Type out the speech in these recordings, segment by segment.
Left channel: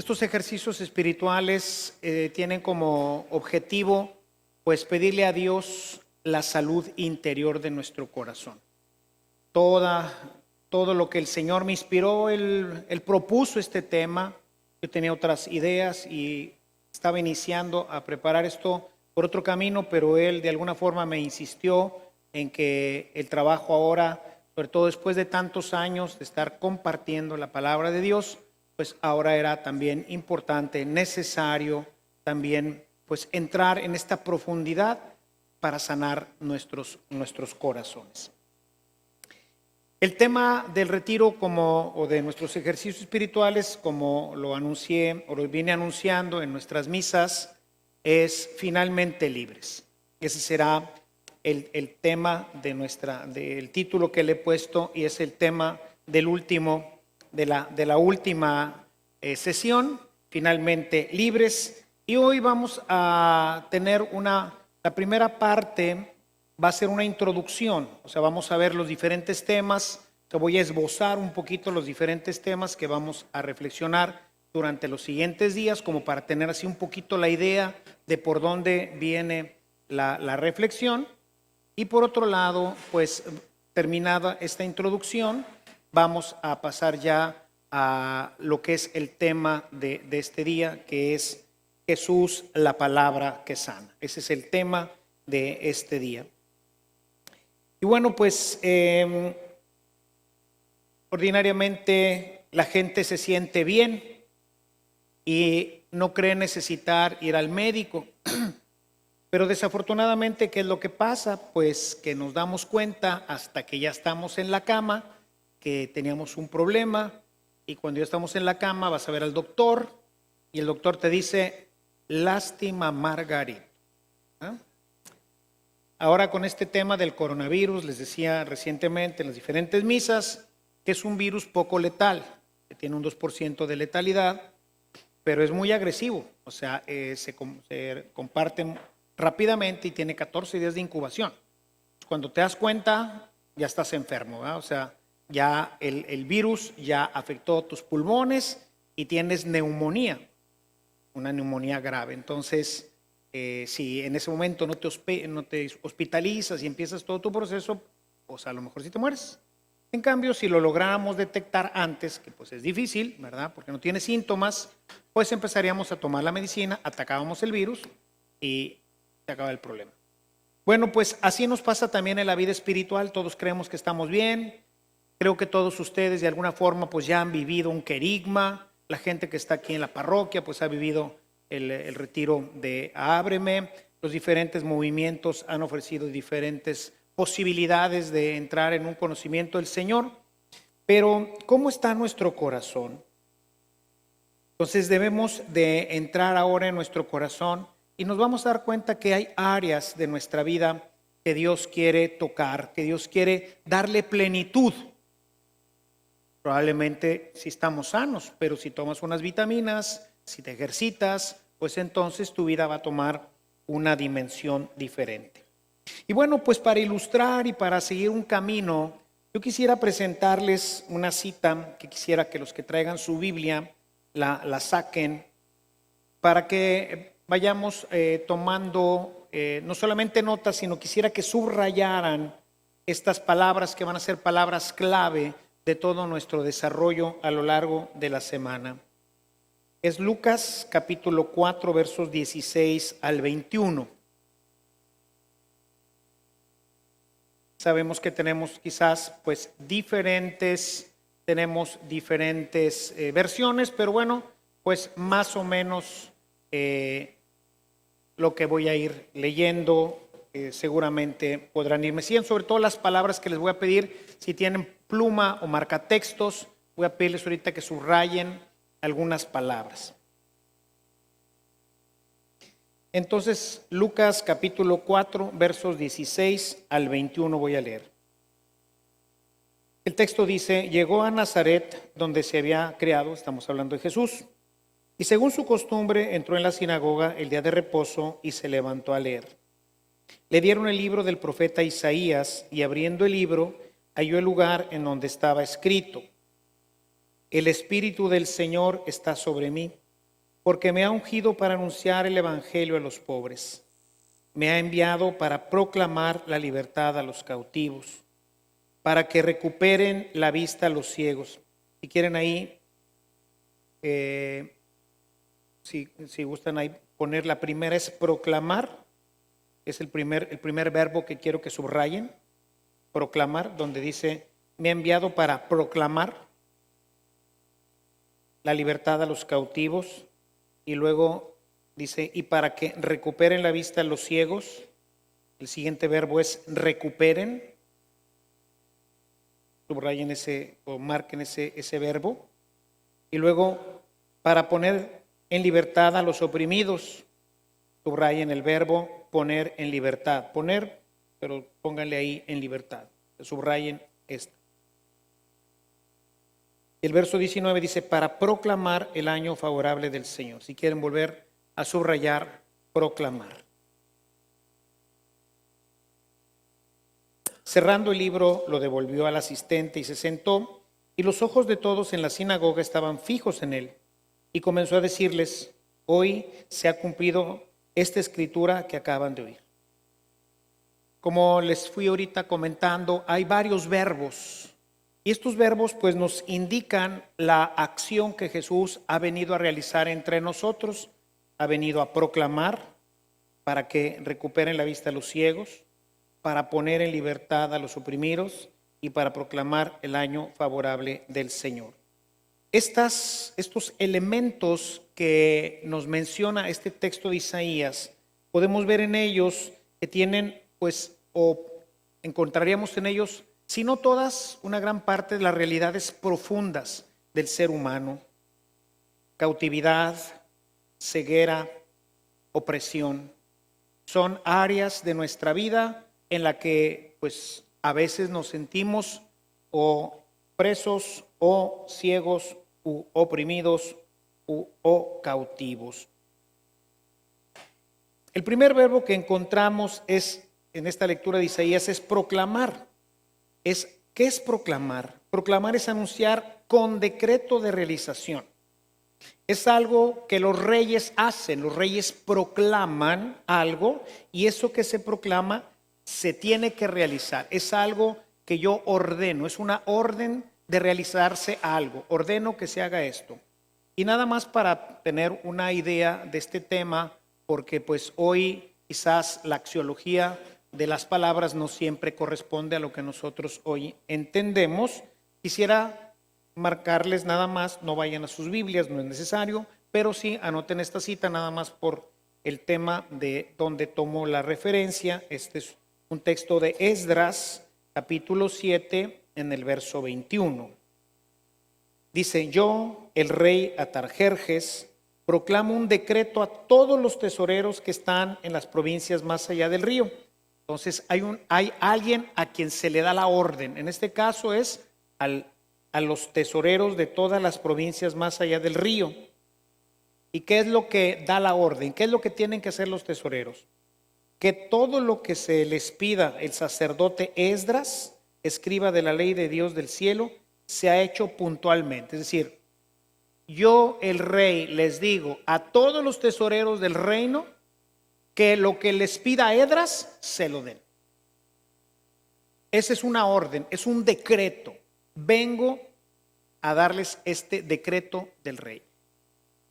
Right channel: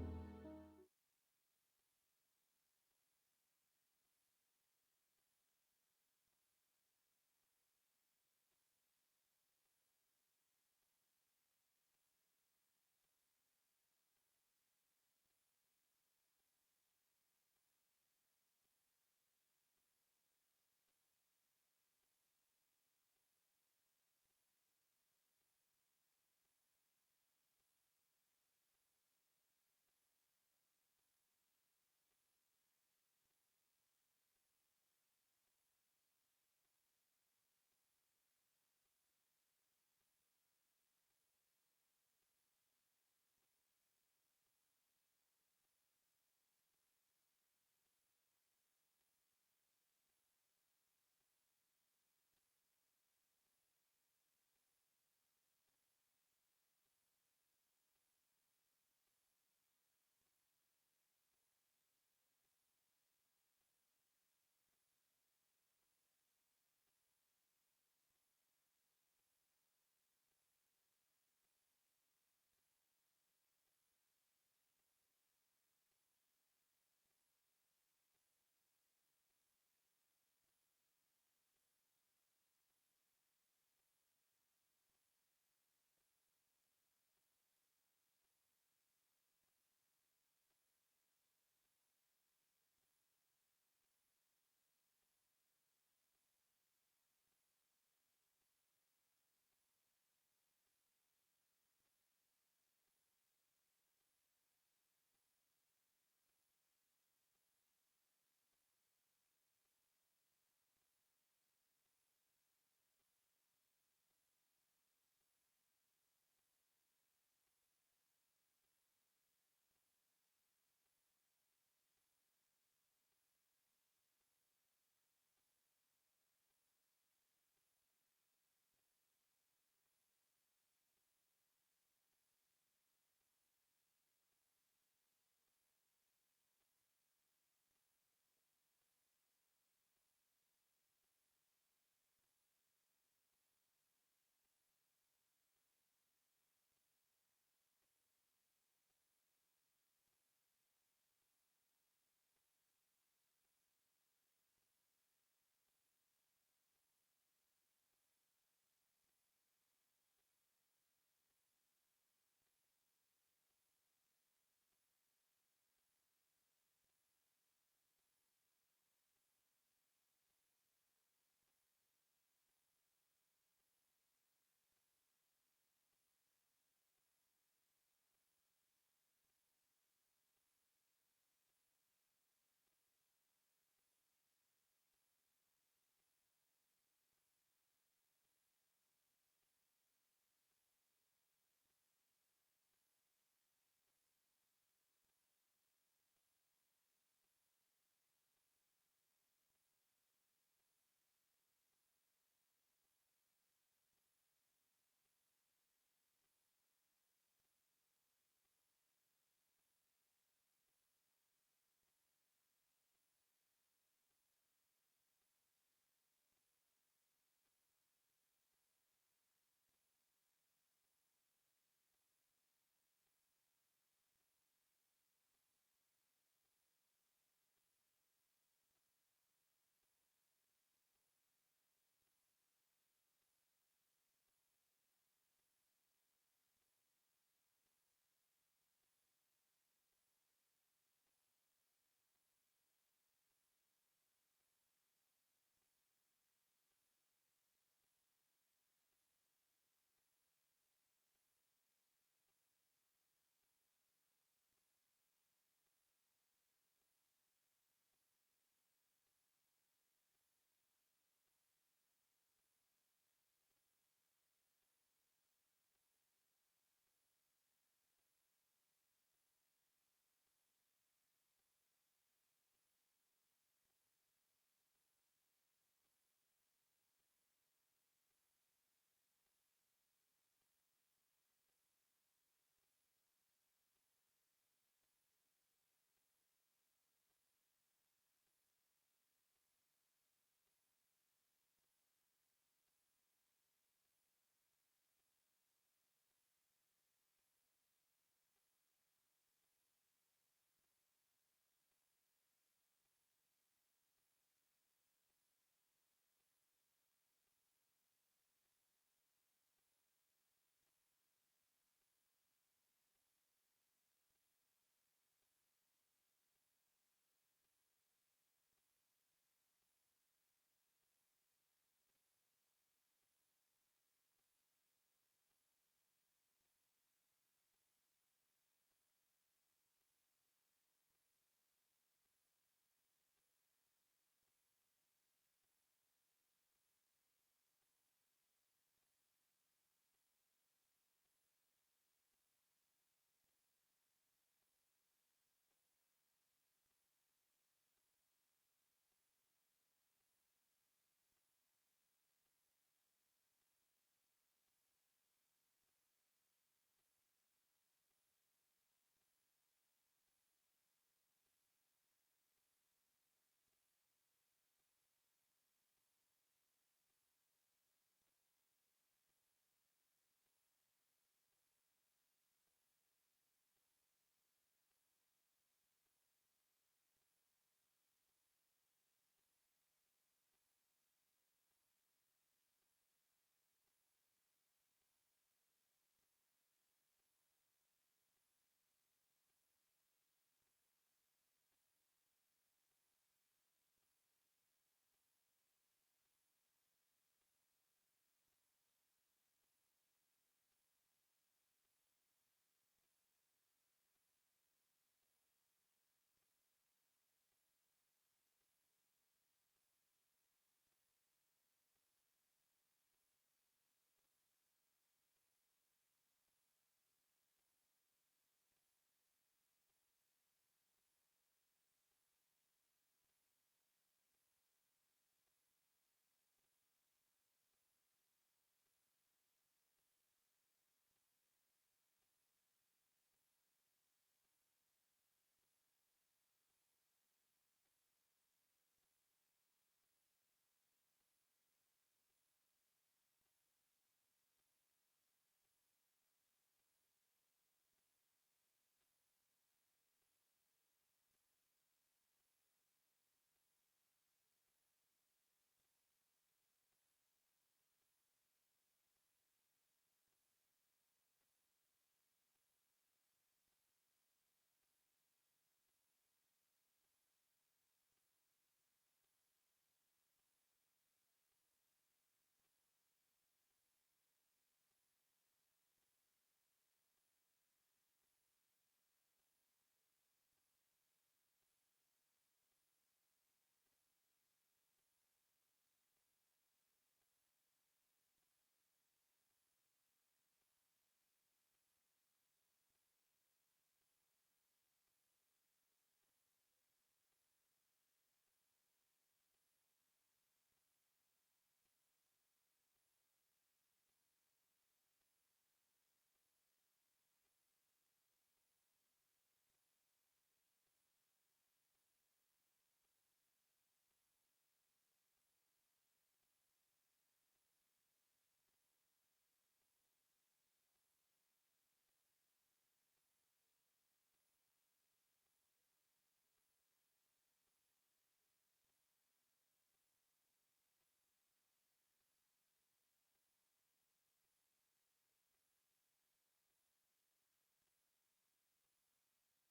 Estos ejercicios espirituales tienen como objetivo, pues, pedirle a Dios la salud interior de nuestro corazón. Toda, todo lo que el Señor me inspiró, él propuso este tema. Yo tenía otras ideas y estaba iniciando a preparar esto por otro camino, pero Él de alguna forma me insistió en que el trabajo ahora, sobre todo después de tantos años de estar compartiendo la palabra de Dios, pues ahora era también importante, necesario también, pues, entrar en esta profundidad para sanar nuestros corazones. El tema del retiro o de nuestros ejercicios espirituales, como lo anuncié o lo vine anunciando en nuestras misas, es finalmente libres. Ese será el tema del título que le he puesto, y es el tema de la última sesión, finalmente libres. Y hoy vamos a tener la primera parte. Va a ser una introducción, o sea, vamos a ver los diferentes temas. Te voy a esbozar un poquito los diferentes temas que vamos a reflexionar durante los siguientes días, como para tener así un poquito la idea de por dónde viene la reflexión. Y por otro lado, pues, terminada esta introducción, vamos a pasar ya a lo que es el tema de este día, que es Jesús, la palabra que sana. Ese es el tema de este día. Y bueno, pues ordinariamente la gente se siente bien y no cree necesitar ir al médico. Pero desafortunadamente, ¿qué es lo que pasa? Pues que nos damos cuenta hasta que ya estamos en la cama que teníamos un problema, y cuando ya estamos en la cama vas a ver al doctor y el doctor te dice: lástima, Margarita. ¿Ah? Ahora, con este tema del coronavirus, les decía recientemente en las diferentes misas que es un virus poco letal, que tiene un 2% de letalidad, pero es muy agresivo. O sea, se comparten rápidamente y tiene 14 días de incubación. Cuando te das cuenta, ya estás enfermo, ¿verdad? O sea, ya el virus ya afectó tus pulmones y tienes neumonía, una neumonía grave. Entonces, si en ese momento no te hospitalizas y empiezas todo tu proceso, pues a lo mejor sí te mueres. En cambio, si lo lográramos detectar antes, que pues es difícil, ¿verdad? Porque no tiene síntomas, pues empezaríamos a tomar la medicina, atacábamos el virus y se acaba el problema. Bueno, pues así nos pasa también en la vida espiritual. Todos creemos que estamos bien. Creo que todos ustedes de alguna forma pues ya han vivido un querigma. La gente que está aquí en la parroquia pues ha vivido el retiro de Ábreme. Los diferentes movimientos han ofrecido diferentes posibilidades de entrar en un conocimiento del Señor. Pero ¿cómo está nuestro corazón? Entonces debemos de entrar ahora en nuestro corazón y nos vamos a dar cuenta que hay áreas de nuestra vida que Dios quiere tocar, que Dios quiere darle plenitud. Probablemente si estamos sanos, pero si tomas unas vitaminas, si te ejercitas, pues entonces tu vida va a tomar una dimensión diferente. Y bueno, pues para ilustrar y para seguir un camino, yo quisiera presentarles una cita que quisiera que los que traigan su Biblia la saquen, para que vayamos tomando no solamente notas, sino quisiera que subrayaran estas palabras que van a ser palabras clave de todo nuestro desarrollo a lo largo de la semana. Es Lucas capítulo 4, versos 16 al 21. Sabemos que tenemos quizás pues diferentes versiones, pero bueno, pues más o menos lo que voy a ir leyendo seguramente podrán irme siguiendo. Sobre todo las palabras que les voy a pedir, si tienen pluma o marcatextos, voy a pedirles ahorita que subrayen algunas palabras. Entonces, Lucas capítulo 4, versos 16 al 21 voy a leer. El texto dice: llegó a Nazaret, donde se había criado, estamos hablando de Jesús, y según su costumbre entró en la sinagoga el día de reposo y se levantó a leer. Le dieron el libro del profeta Isaías y abriendo el libro halló el lugar en donde estaba escrito: el Espíritu del Señor está sobre mí, porque me ha ungido para anunciar el evangelio a los pobres. Me ha enviado para proclamar la libertad a los cautivos, para que recuperen la vista a los ciegos. Si quieren ahí, si gustan ahí poner la primera es proclamar, es el primer verbo que quiero que subrayen, proclamar, donde dice, me ha enviado para proclamar la libertad a los cautivos, y luego dice, y para que recuperen la vista a los ciegos. El siguiente verbo es recuperen. Subrayen ese o marquen ese verbo. Y luego, para poner en libertad a los oprimidos. Subrayen el verbo poner en libertad. Poner, pero pónganle ahí en libertad. Subrayen esto. El verso 19 dice, para proclamar el año favorable del Señor. Si quieren volver a subrayar, proclamar. Cerrando el libro, lo devolvió al asistente y se sentó, y los ojos de todos en la sinagoga estaban fijos en él. Y comenzó a decirles, hoy se ha cumplido esta escritura que acaban de oír. Como les fui ahorita comentando, hay varios verbos. Y estos verbos pues nos indican la acción que Jesús ha venido a realizar entre nosotros. Ha venido a proclamar para que recuperen la vista a los ciegos, para poner en libertad a los oprimidos y para proclamar el año favorable del Señor. Estos elementos que nos menciona este texto de Isaías, podemos ver en ellos que tienen pues, o encontraríamos en ellos, si no todas, una gran parte de las realidades profundas del ser humano: cautividad, ceguera, opresión. Son áreas de nuestra vida en la que pues a veces nos sentimos o presos o ciegos u oprimidos o cautivos. El primer verbo que encontramos en esta lectura de Isaías es proclamar. ¿Qué es proclamar? Proclamar es anunciar con decreto de realización. Es algo que los reyes hacen. Los reyes proclaman algo y eso que se proclama se tiene que realizar. Es algo que yo ordeno, es una orden de realizarse algo. Ordeno que se haga esto. Y nada más para tener una idea de este tema, porque pues hoy quizás la axiología de las palabras no siempre corresponde a lo que nosotros hoy entendemos. Quisiera marcarles nada más, no vayan a sus Biblias, no es necesario, pero sí anoten esta cita nada más por el tema de donde tomo la referencia. Este es un texto de Esdras, capítulo 7, en el verso 21. Dice, yo, el rey Atarjerjes, proclamo un decreto a todos los tesoreros que están en las provincias más allá del río. Entonces hay alguien a quien se le da la orden. En este caso es a los tesoreros de todas las provincias más allá del río. ¿Y qué es lo que da la orden? ¿Qué es lo que tienen que hacer los tesoreros? Que todo lo que se les pida el sacerdote Esdras, escriba de la ley de Dios del cielo, se ha hecho puntualmente. Es decir, yo el rey les digo a todos los tesoreros del reino que lo que les pida Esdras se lo den. Esa es una orden, es un decreto. Vengo a darles este decreto del rey.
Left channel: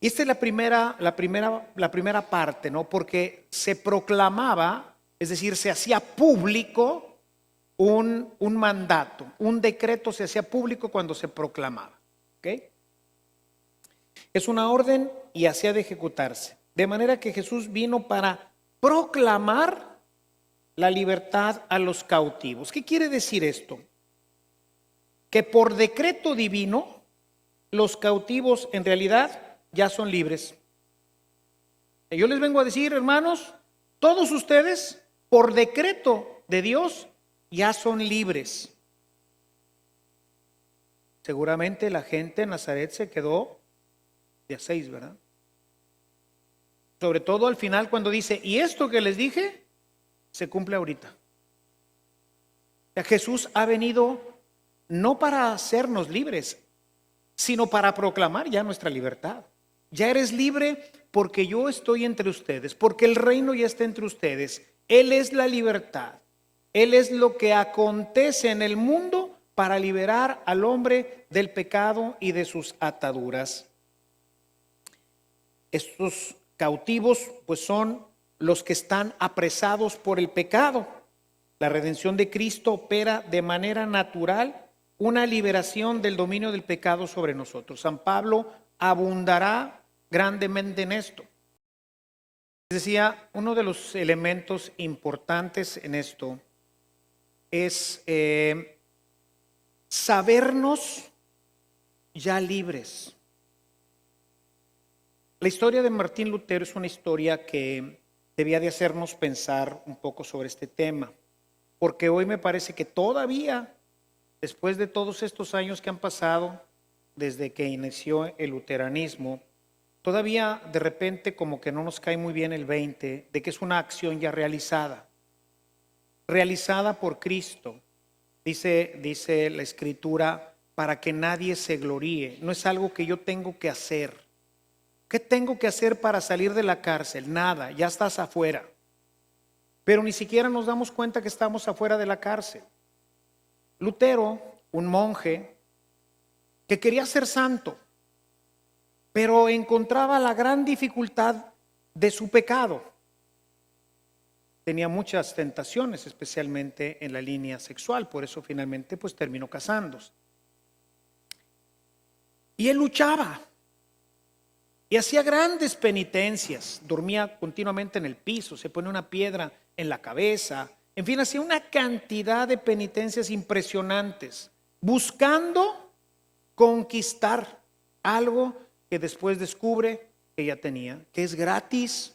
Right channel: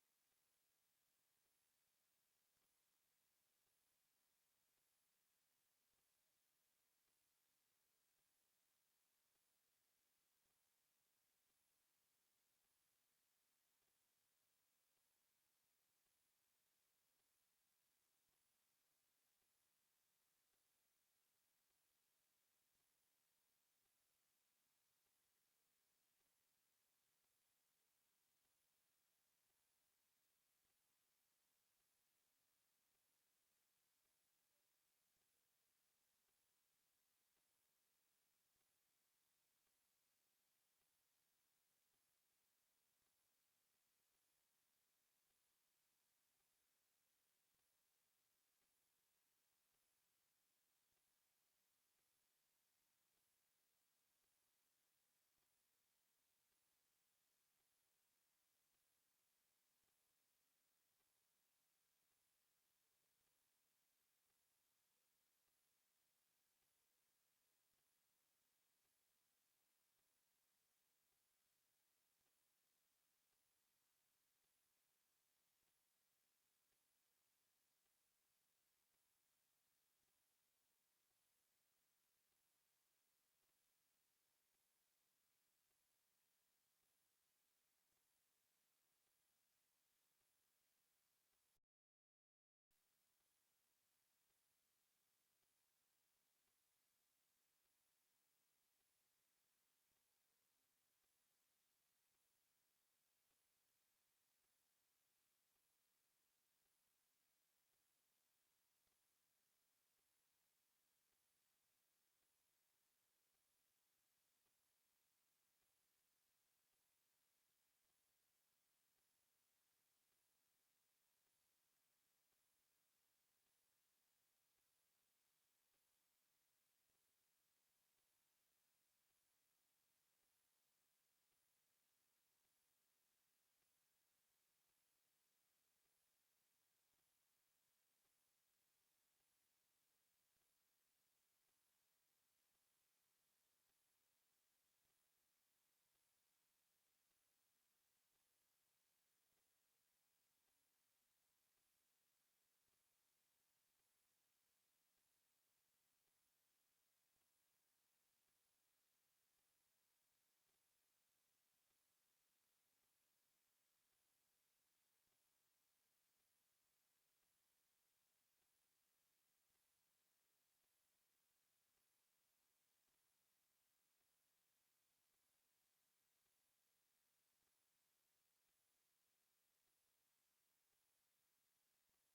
Y esta es la primera parte, ¿no? Porque se proclamaba, es decir, se hacía público un mandato, un decreto se hacía público cuando se proclamaba. ¿Ok? Es una orden y hacía de ejecutarse. De manera que Jesús vino para proclamar la libertad a los cautivos. ¿Qué quiere decir esto? Que por decreto divino los cautivos en realidad ya son libres. Yo les vengo a decir, hermanos, todos ustedes por decreto de Dios ya son libres. Seguramente la gente en Nazaret se quedó de a 6, ¿verdad? Sobre todo al final cuando dice, y esto que les dije, se cumple ahorita. Jesús ha venido no para hacernos libres, sino para proclamar ya nuestra libertad. Ya eres libre porque yo estoy entre ustedes, porque el reino ya está entre ustedes. Él es la libertad. Él es lo que acontece en el mundo para liberar al hombre del pecado y de sus ataduras. Estos cautivos pues son los que están apresados por el pecado. La redención de Cristo opera de manera natural una liberación del dominio del pecado sobre nosotros. San Pablo abundará grandemente en esto. Decía, uno de los elementos importantes en esto es sabernos ya libres. La historia de Martín Lutero es una historia que debía de hacernos pensar un poco sobre este tema, porque hoy me parece que todavía, después de todos estos años que han pasado desde que inició el luteranismo, todavía de repente como que no nos cae muy bien el 20 de que es una acción ya realizada por Cristo. Dice la Escritura, para que nadie se gloríe. No es algo que yo tengo que hacer. ¿Qué tengo que hacer para salir de la cárcel? Nada, ya estás afuera. Pero ni siquiera nos damos cuenta que estamos afuera de la cárcel. Lutero, un monje que quería ser santo, pero encontraba la gran dificultad de su pecado. Tenía muchas tentaciones, especialmente en la línea sexual, por eso finalmente pues terminó casándose. Y él luchaba y hacía grandes penitencias, dormía continuamente en el piso, se ponía una piedra en la cabeza, en fin, hacía una cantidad de penitencias impresionantes, buscando conquistar algo que después descubre que ya tenía, que es gratis,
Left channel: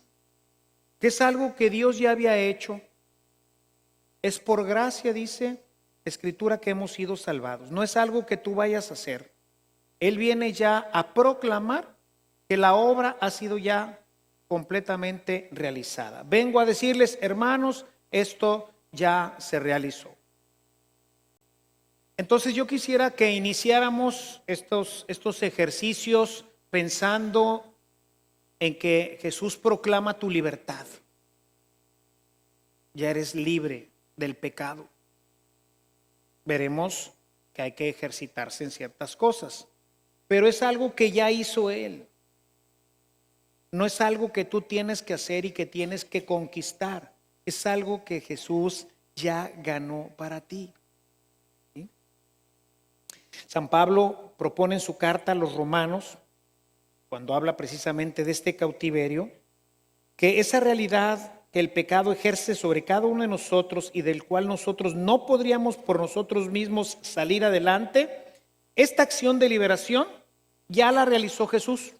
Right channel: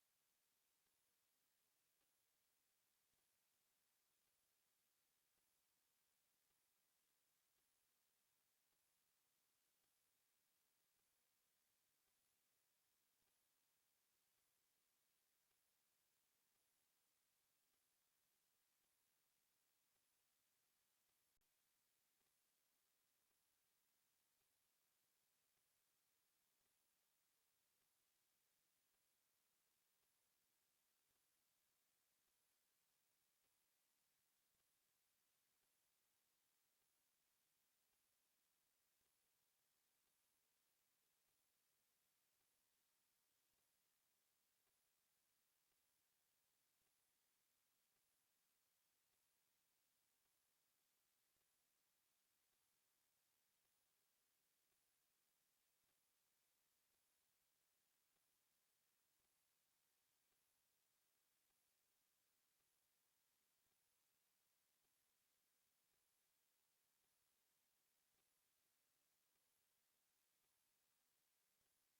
que es algo que Dios ya había hecho. Es por gracia, dice la Escritura, que hemos sido salvados. No es algo que tú vayas a hacer. Él viene ya a proclamar que la obra ha sido ya completamente realizada. Vengo a decirles, hermanos, esto ya se realizó. Entonces yo quisiera que iniciáramos estos ejercicios pensando en que Jesús proclama tu libertad. Ya eres libre del pecado. Veremos que hay que ejercitarse en ciertas cosas, pero es algo que ya hizo Él. No es algo que tú tienes que hacer y que tienes que conquistar. Es algo que Jesús ya ganó para ti. ¿Sí? San Pablo propone en su carta a los romanos, cuando habla precisamente de este cautiverio, que esa realidad que el pecado ejerce sobre cada uno de nosotros y del cual nosotros no podríamos por nosotros mismos salir adelante, esta acción de liberación ya la realizó Jesús.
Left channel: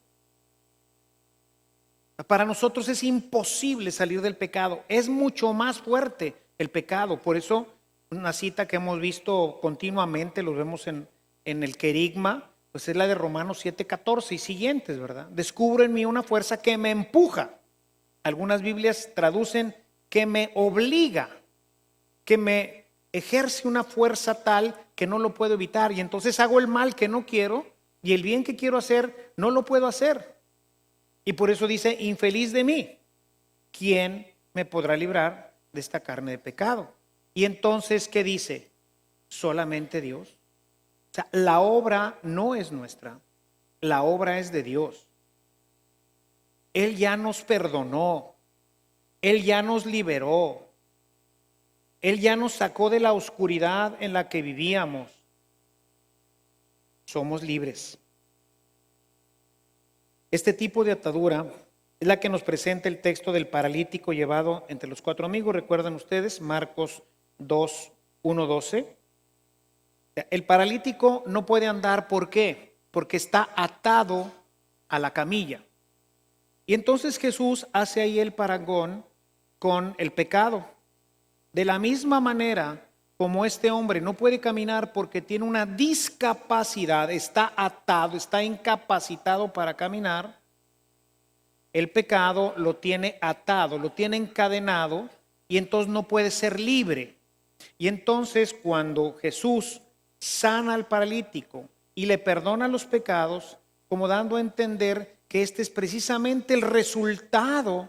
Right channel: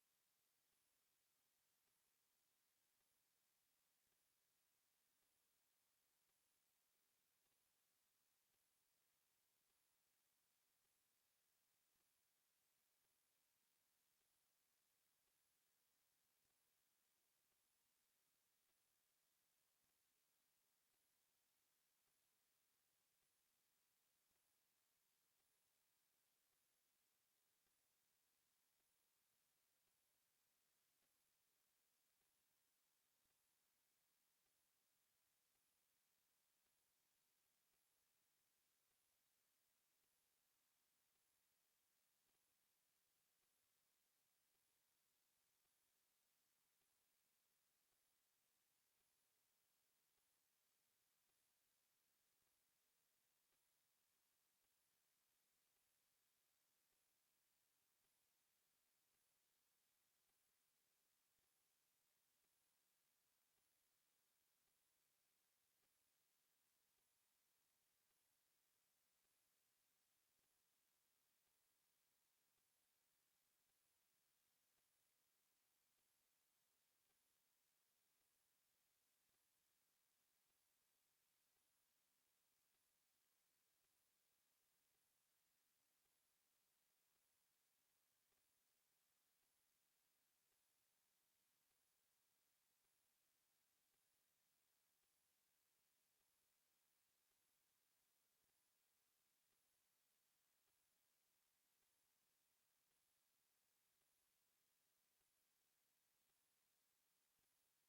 Para nosotros es imposible salir del pecado, es mucho más fuerte el pecado. Por eso una cita que hemos visto continuamente, lo vemos en el querigma, pues es la de Romanos 7:14 y siguientes, ¿verdad? Descubro en mí una fuerza que me empuja. Algunas Biblias traducen que me obliga, que me ejerce una fuerza tal que no lo puedo evitar. Y entonces hago el mal que no quiero y el bien que quiero hacer no lo puedo hacer. Y por eso dice, infeliz de mí, ¿quién me podrá librar de esta carne de pecado? Y entonces, ¿qué dice? Solamente Dios. O sea, la obra no es nuestra, la obra es de Dios. Él ya nos perdonó, Él ya nos liberó, Él ya nos sacó de la oscuridad en la que vivíamos. Somos libres. Este tipo de atadura es la que nos presenta el texto del paralítico llevado entre los cuatro amigos. ¿Recuerdan ustedes? Marcos 2, 1, 12. El paralítico no puede andar, ¿por qué? Porque está atado a la camilla. Y entonces Jesús hace ahí el parangón con el pecado. De la misma manera como este hombre no puede caminar porque tiene una discapacidad, está atado, está incapacitado para caminar, el pecado lo tiene atado, lo tiene encadenado y entonces no puede ser libre. Y entonces cuando Jesús sana al paralítico y le perdona los pecados, como dando a entender que este es precisamente el resultado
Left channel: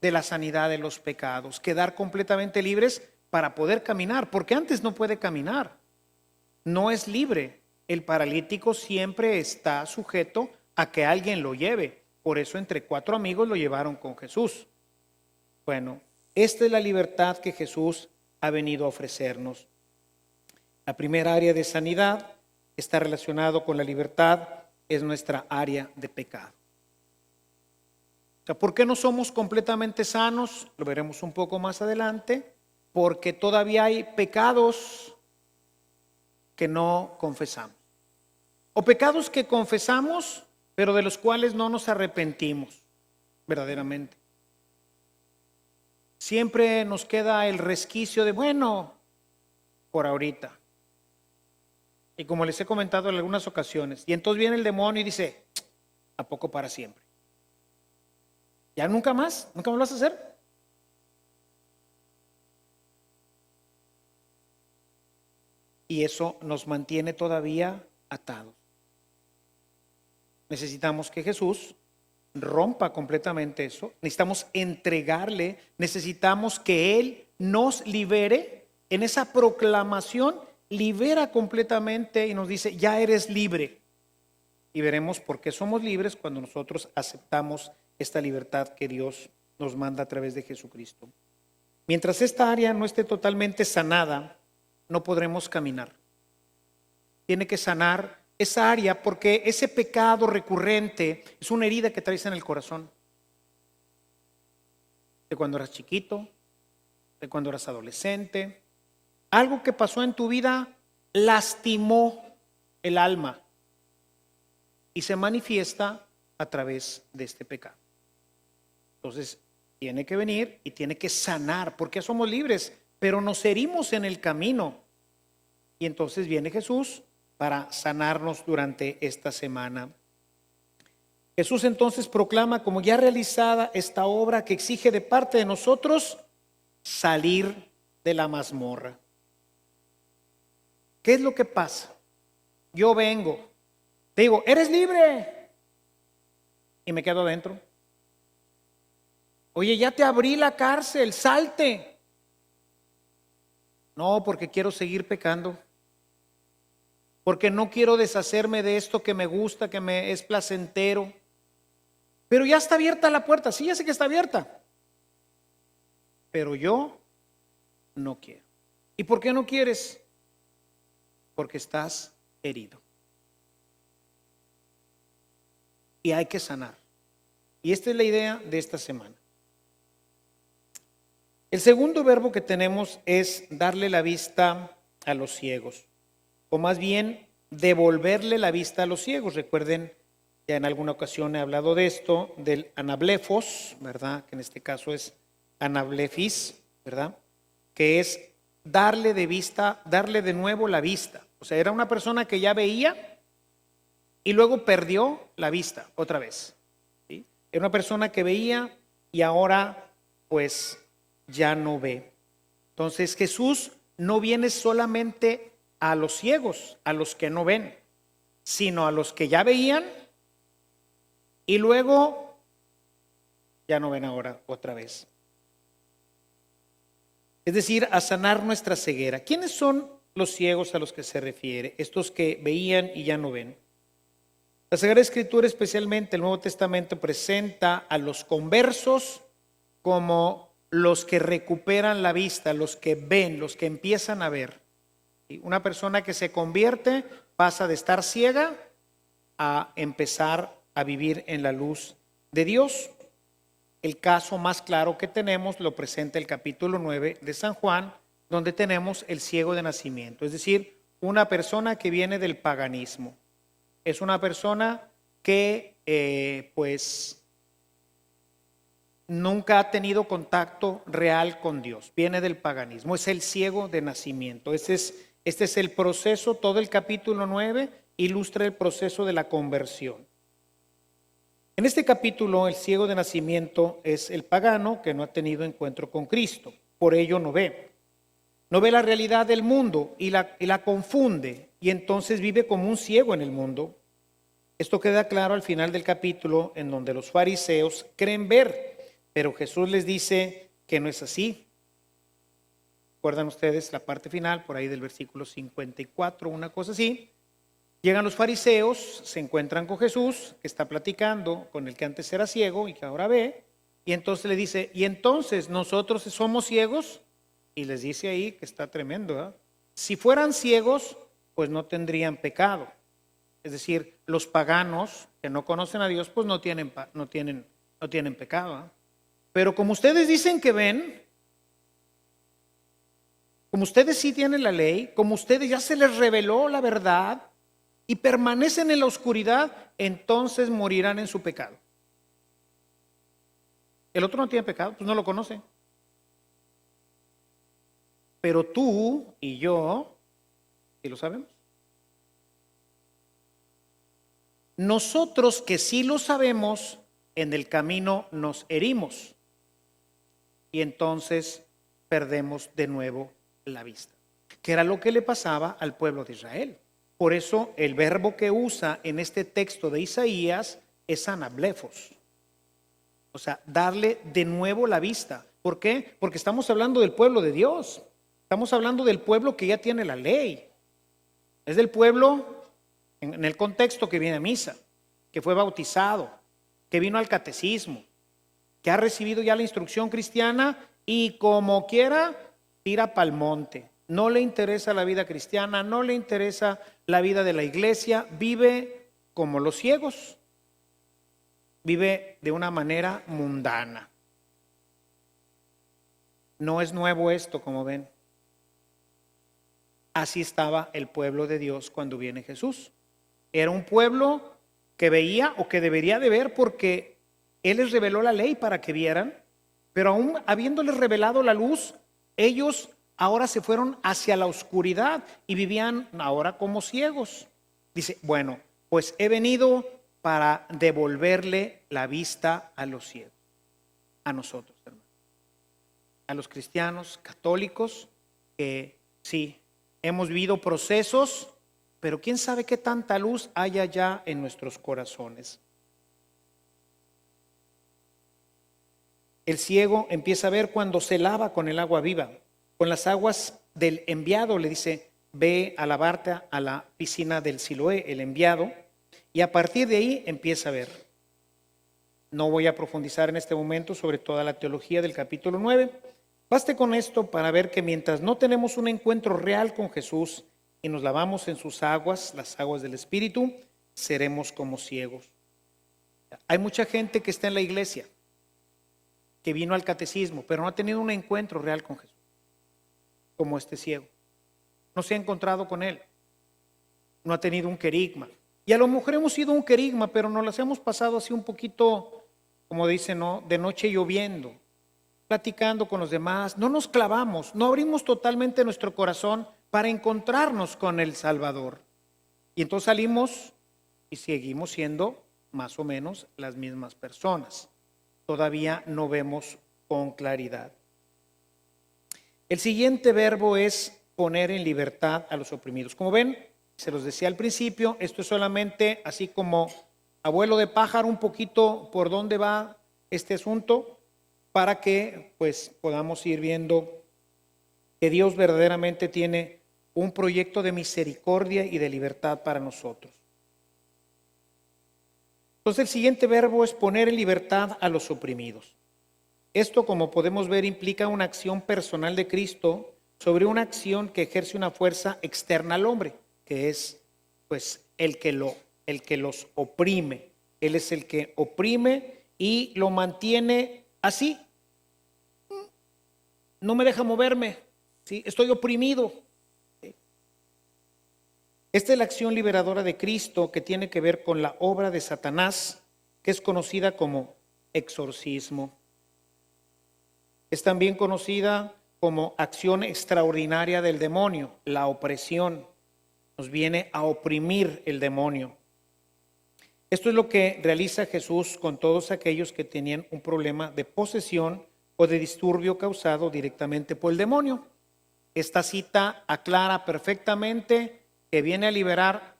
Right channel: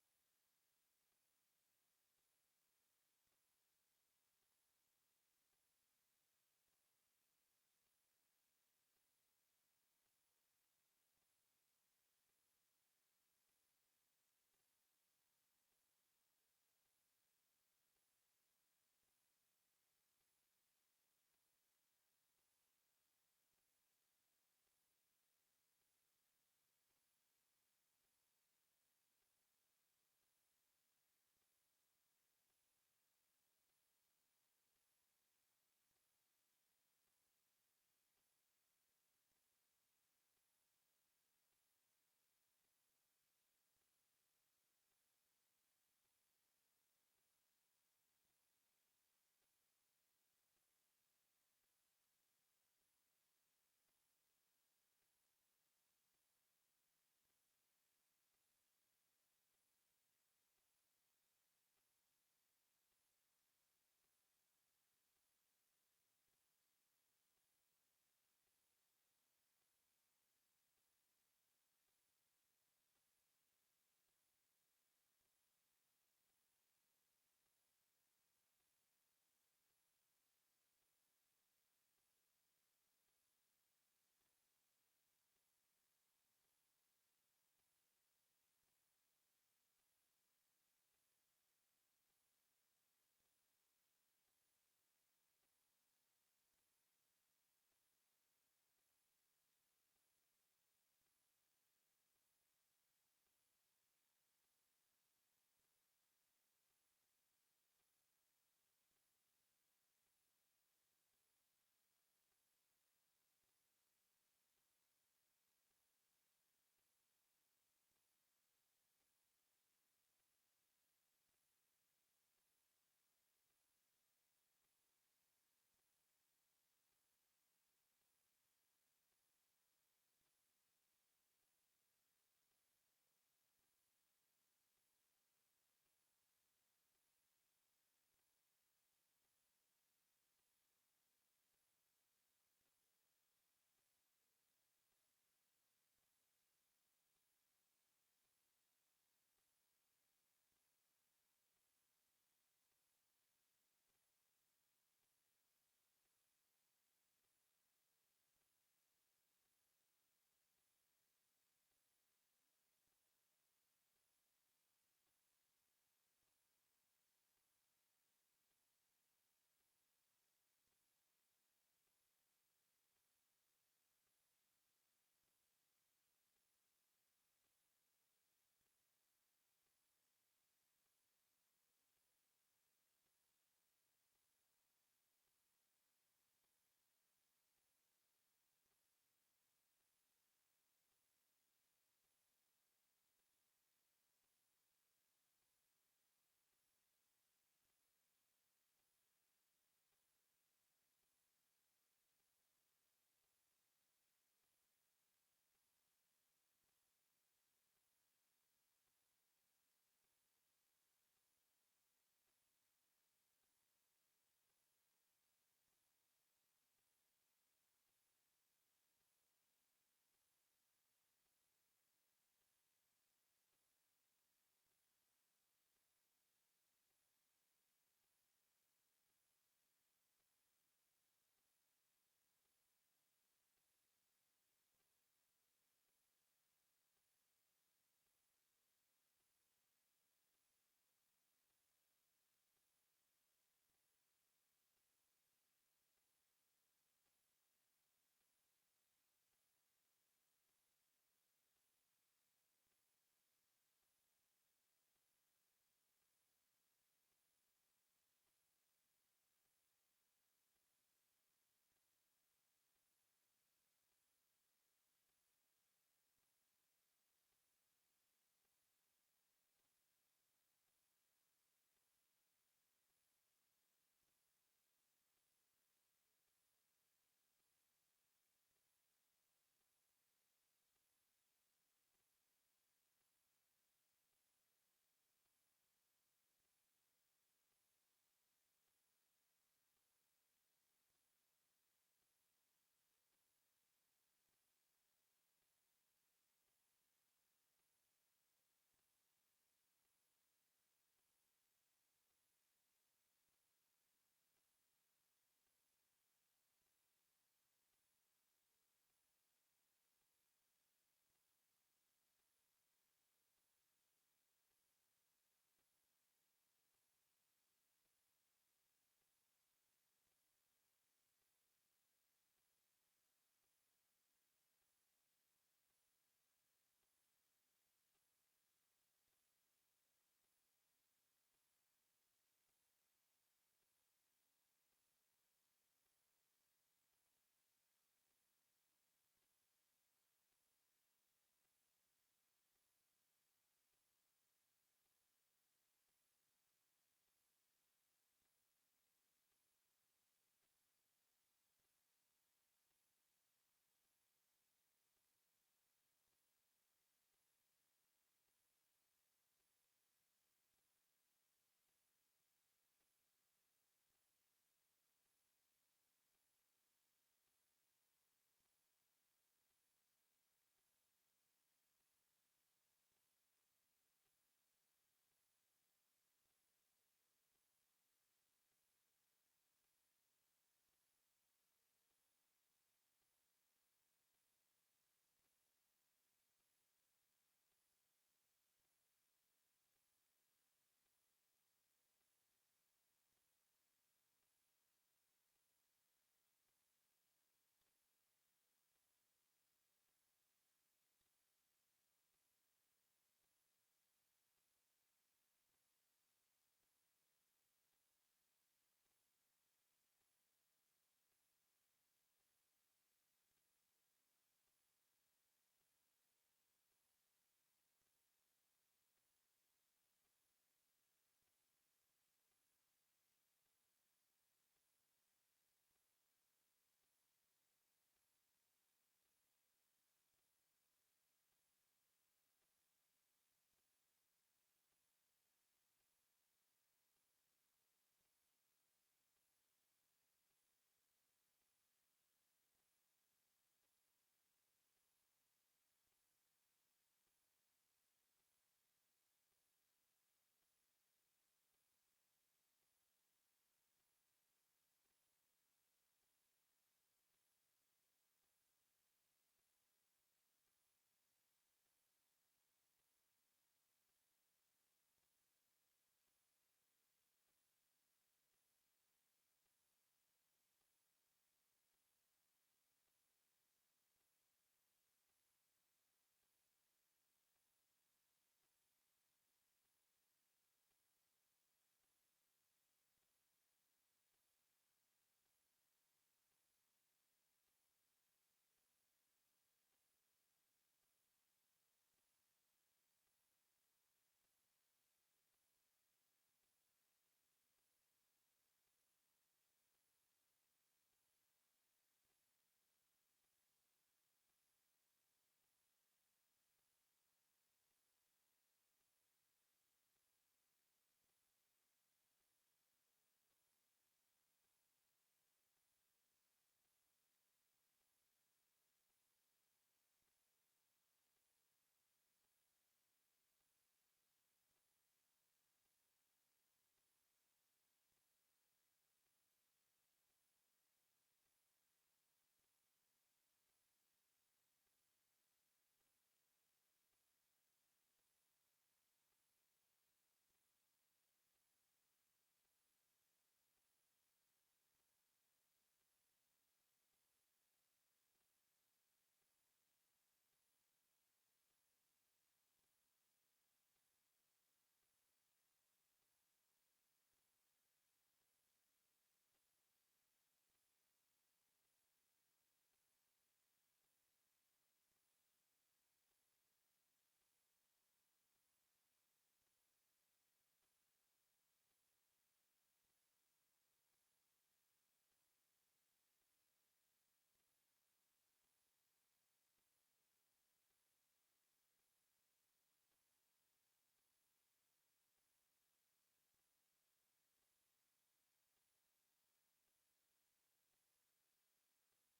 de la sanidad de los pecados, quedar completamente libres para poder caminar, porque antes no puede caminar, no es libre. El paralítico siempre está sujeto a que alguien lo lleve. Por eso entre 4 amigos lo llevaron con Jesús. Bueno, esta es la libertad que Jesús ha venido a ofrecernos. La primera área de sanidad está relacionado con la libertad, es nuestra área de pecado. O sea, ¿por qué no somos completamente sanos? Lo veremos un poco más adelante. Porque todavía hay pecados que no confesamos. O pecados que confesamos, pero de los cuales no nos arrepentimos verdaderamente. Siempre nos queda el resquicio de, bueno, por ahorita. Y como les he comentado en algunas ocasiones, y entonces viene el demonio y dice, ¿a poco para siempre? ¿Ya nunca más? ¿Nunca más lo vas a hacer? Y eso nos mantiene todavía atados. Necesitamos que Jesús rompa completamente eso. Necesitamos entregarle, necesitamos que Él nos libere. En esa proclamación, libera completamente y nos dice, ya eres libre. Y veremos por qué somos libres cuando nosotros aceptamos esta libertad que Dios nos manda a través de Jesucristo. Mientras esta área no esté totalmente sanada, no podremos caminar. Tiene que sanar esa área porque ese pecado recurrente es una herida que traes en el corazón. De cuando eras chiquito, de cuando eras adolescente. Algo que pasó en tu vida lastimó el alma y se manifiesta a través de este pecado. Entonces, tiene que venir y tiene que sanar, porque somos libres, pero nos herimos en el camino. Y entonces viene Jesús para sanarnos durante esta semana. Jesús entonces proclama como ya realizada esta obra que exige de parte de nosotros salir de la mazmorra. ¿Qué es lo que pasa? Yo vengo, te digo, eres libre, y me quedo adentro. Oye, ya te abrí la cárcel, salte. No, porque quiero seguir pecando. Porque no quiero deshacerme de esto que me gusta, que me es placentero. Pero ya está abierta la puerta. Sí, ya sé que está abierta. Pero yo no quiero. ¿Y por qué no quieres? Porque estás herido. Y hay que sanar. Y esta es la idea de esta semana. El segundo verbo que tenemos es darle la vista a los ciegos, o más bien devolverle la vista a los ciegos. Recuerden, ya en alguna ocasión he hablado de esto, del anablefos, ¿verdad? Que en este caso es anablefis, ¿verdad? Que es darle de vista, darle de nuevo la vista. O sea, era una persona que ya veía y luego perdió la vista otra vez. ¿Sí? Era una persona que veía y ahora pues ya no ve. Entonces Jesús no viene solamente a los ciegos, a los que no ven, sino a los que ya veían y luego ya no ven ahora otra vez. Es decir, a sanar nuestra ceguera. ¿Quiénes son los ciegos a los que se refiere? Estos que veían y ya no ven. La Sagrada Escritura, especialmente el Nuevo Testamento, presenta a los conversos como los que recuperan la vista, los que ven, los que empiezan a ver. Una persona que se convierte pasa de estar ciega a empezar a vivir en la luz de Dios. El caso más claro que tenemos lo presenta el capítulo 9 de San Juan, donde tenemos el ciego de nacimiento, es decir, una persona que viene del paganismo. Es una persona que pues nunca ha tenido contacto real con Dios, viene del paganismo, es el ciego de nacimiento. Este es el proceso, todo el capítulo 9 ilustra el proceso de la conversión. En este capítulo, el ciego de nacimiento es el pagano que no ha tenido encuentro con Cristo, por ello no ve. No ve la realidad del mundo y la confunde, y entonces vive como un ciego en el mundo. Esto queda claro al final del capítulo, en donde los fariseos creen ver, pero Jesús les dice que no es así. ¿Recuerdan ustedes la parte final, por ahí del versículo 54, una cosa así? Llegan los fariseos, se encuentran con Jesús, que está platicando con el que antes era ciego y que ahora ve, y entonces le dice, ¿y entonces nosotros somos ciegos? Y les dice ahí que está tremendo, ¿verdad? Si fueran ciegos, pues no tendrían pecado. Es decir, los paganos que no conocen a Dios, pues no tienen pecado, ¿verdad? Pero como ustedes dicen que ven, como ustedes sí tienen la ley, como ustedes ya se les reveló la verdad y permanecen en la oscuridad, entonces morirán en su pecado. El otro no tiene pecado, pues no lo conoce. Pero tú y yo, ¿sí lo sabemos? Nosotros que sí lo sabemos, en el camino nos herimos y entonces perdemos de nuevo la vista, que era lo que le pasaba al pueblo de Israel. Por eso el verbo que usa en este texto de Isaías es anablefos, o sea, darle de nuevo la vista. ¿Por qué? Porque estamos hablando del pueblo de Dios, estamos hablando del pueblo que ya tiene la ley, es del pueblo en el contexto que viene a misa, que fue bautizado, que vino al catecismo, que ha recibido ya la instrucción cristiana y como quiera tira pa'l monte. No le interesa la vida cristiana, no le interesa la vida de la iglesia, vive como los ciegos, vive de una manera mundana. No es nuevo esto, como ven. Así estaba el pueblo de Dios cuando viene Jesús. Era un pueblo que veía o que debería de ver porque Él les reveló la ley para que vieran, pero aún habiéndoles revelado la luz, ellos ahora se fueron hacia la oscuridad y vivían ahora como ciegos. Dice, bueno, pues he venido para devolverle la vista a los ciegos, a nosotros, hermanos, a los cristianos católicos que sí, hemos vivido procesos, pero quién sabe qué tanta luz haya ya en nuestros corazones. El ciego empieza a ver cuando se lava con el agua viva, con las aguas del enviado. Le dice, ve a lavarte a la piscina del Siloé, el enviado, y a partir de ahí empieza a ver. No voy a profundizar en este momento sobre toda la teología del capítulo 9. Baste con esto para ver que mientras no tenemos un encuentro real con Jesús y nos lavamos en sus aguas, las aguas del Espíritu, seremos como ciegos. Hay mucha gente que está en la iglesia, que vino al catecismo, pero no ha tenido un encuentro real con Jesús, como este ciego. No se ha encontrado con Él, no ha tenido un querigma. Y a lo mejor hemos sido un querigma, pero nos las hemos pasado así un poquito, como dicen, ¿no?, de noche lloviendo, platicando con los demás. No nos clavamos, no abrimos totalmente nuestro corazón para encontrarnos con el Salvador. Y entonces salimos y seguimos siendo más o menos las mismas personas. Todavía no vemos con claridad. El siguiente verbo es poner en libertad a los oprimidos. Como ven, se los decía al principio, esto es solamente así como abuelo de pájaro, un poquito por dónde va este asunto, para que pues podamos ir viendo que Dios verdaderamente tiene un proyecto de misericordia y de libertad para nosotros. Entonces el siguiente verbo es poner en libertad a los oprimidos. Esto, como podemos ver, implica una acción personal de Cristo sobre una acción que ejerce una fuerza externa al hombre, que es pues el que los oprime. Él es el que oprime y lo mantiene así. No me deja moverme, ¿sí? Estoy oprimido. Esta es la acción liberadora de Cristo que tiene que ver con la obra de Satanás, que es conocida como exorcismo. Es también conocida como acción extraordinaria del demonio, la opresión. Nos viene a oprimir el demonio. Esto es lo que realiza Jesús con todos aquellos que tenían un problema de posesión o de disturbio causado directamente por el demonio. Esta cita aclara perfectamente que viene a liberar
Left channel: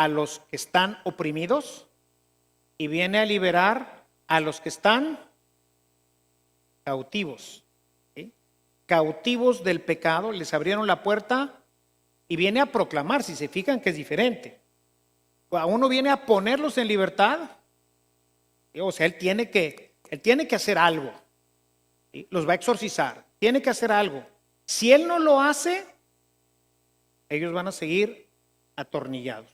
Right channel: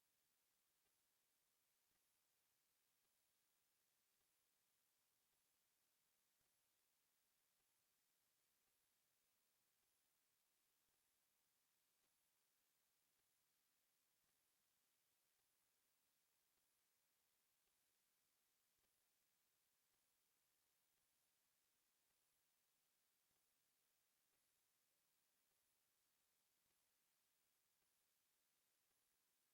a los que están oprimidos y viene a liberar a los que están cautivos. ¿Sí? Cautivos del pecado, les abrieron la puerta y viene a proclamar, si se fijan que es diferente. A uno viene a ponerlos en libertad, o sea, él tiene que hacer algo, ¿sí? Los va a exorcizar, tiene que hacer algo. Si él no lo hace, ellos van a seguir atornillados.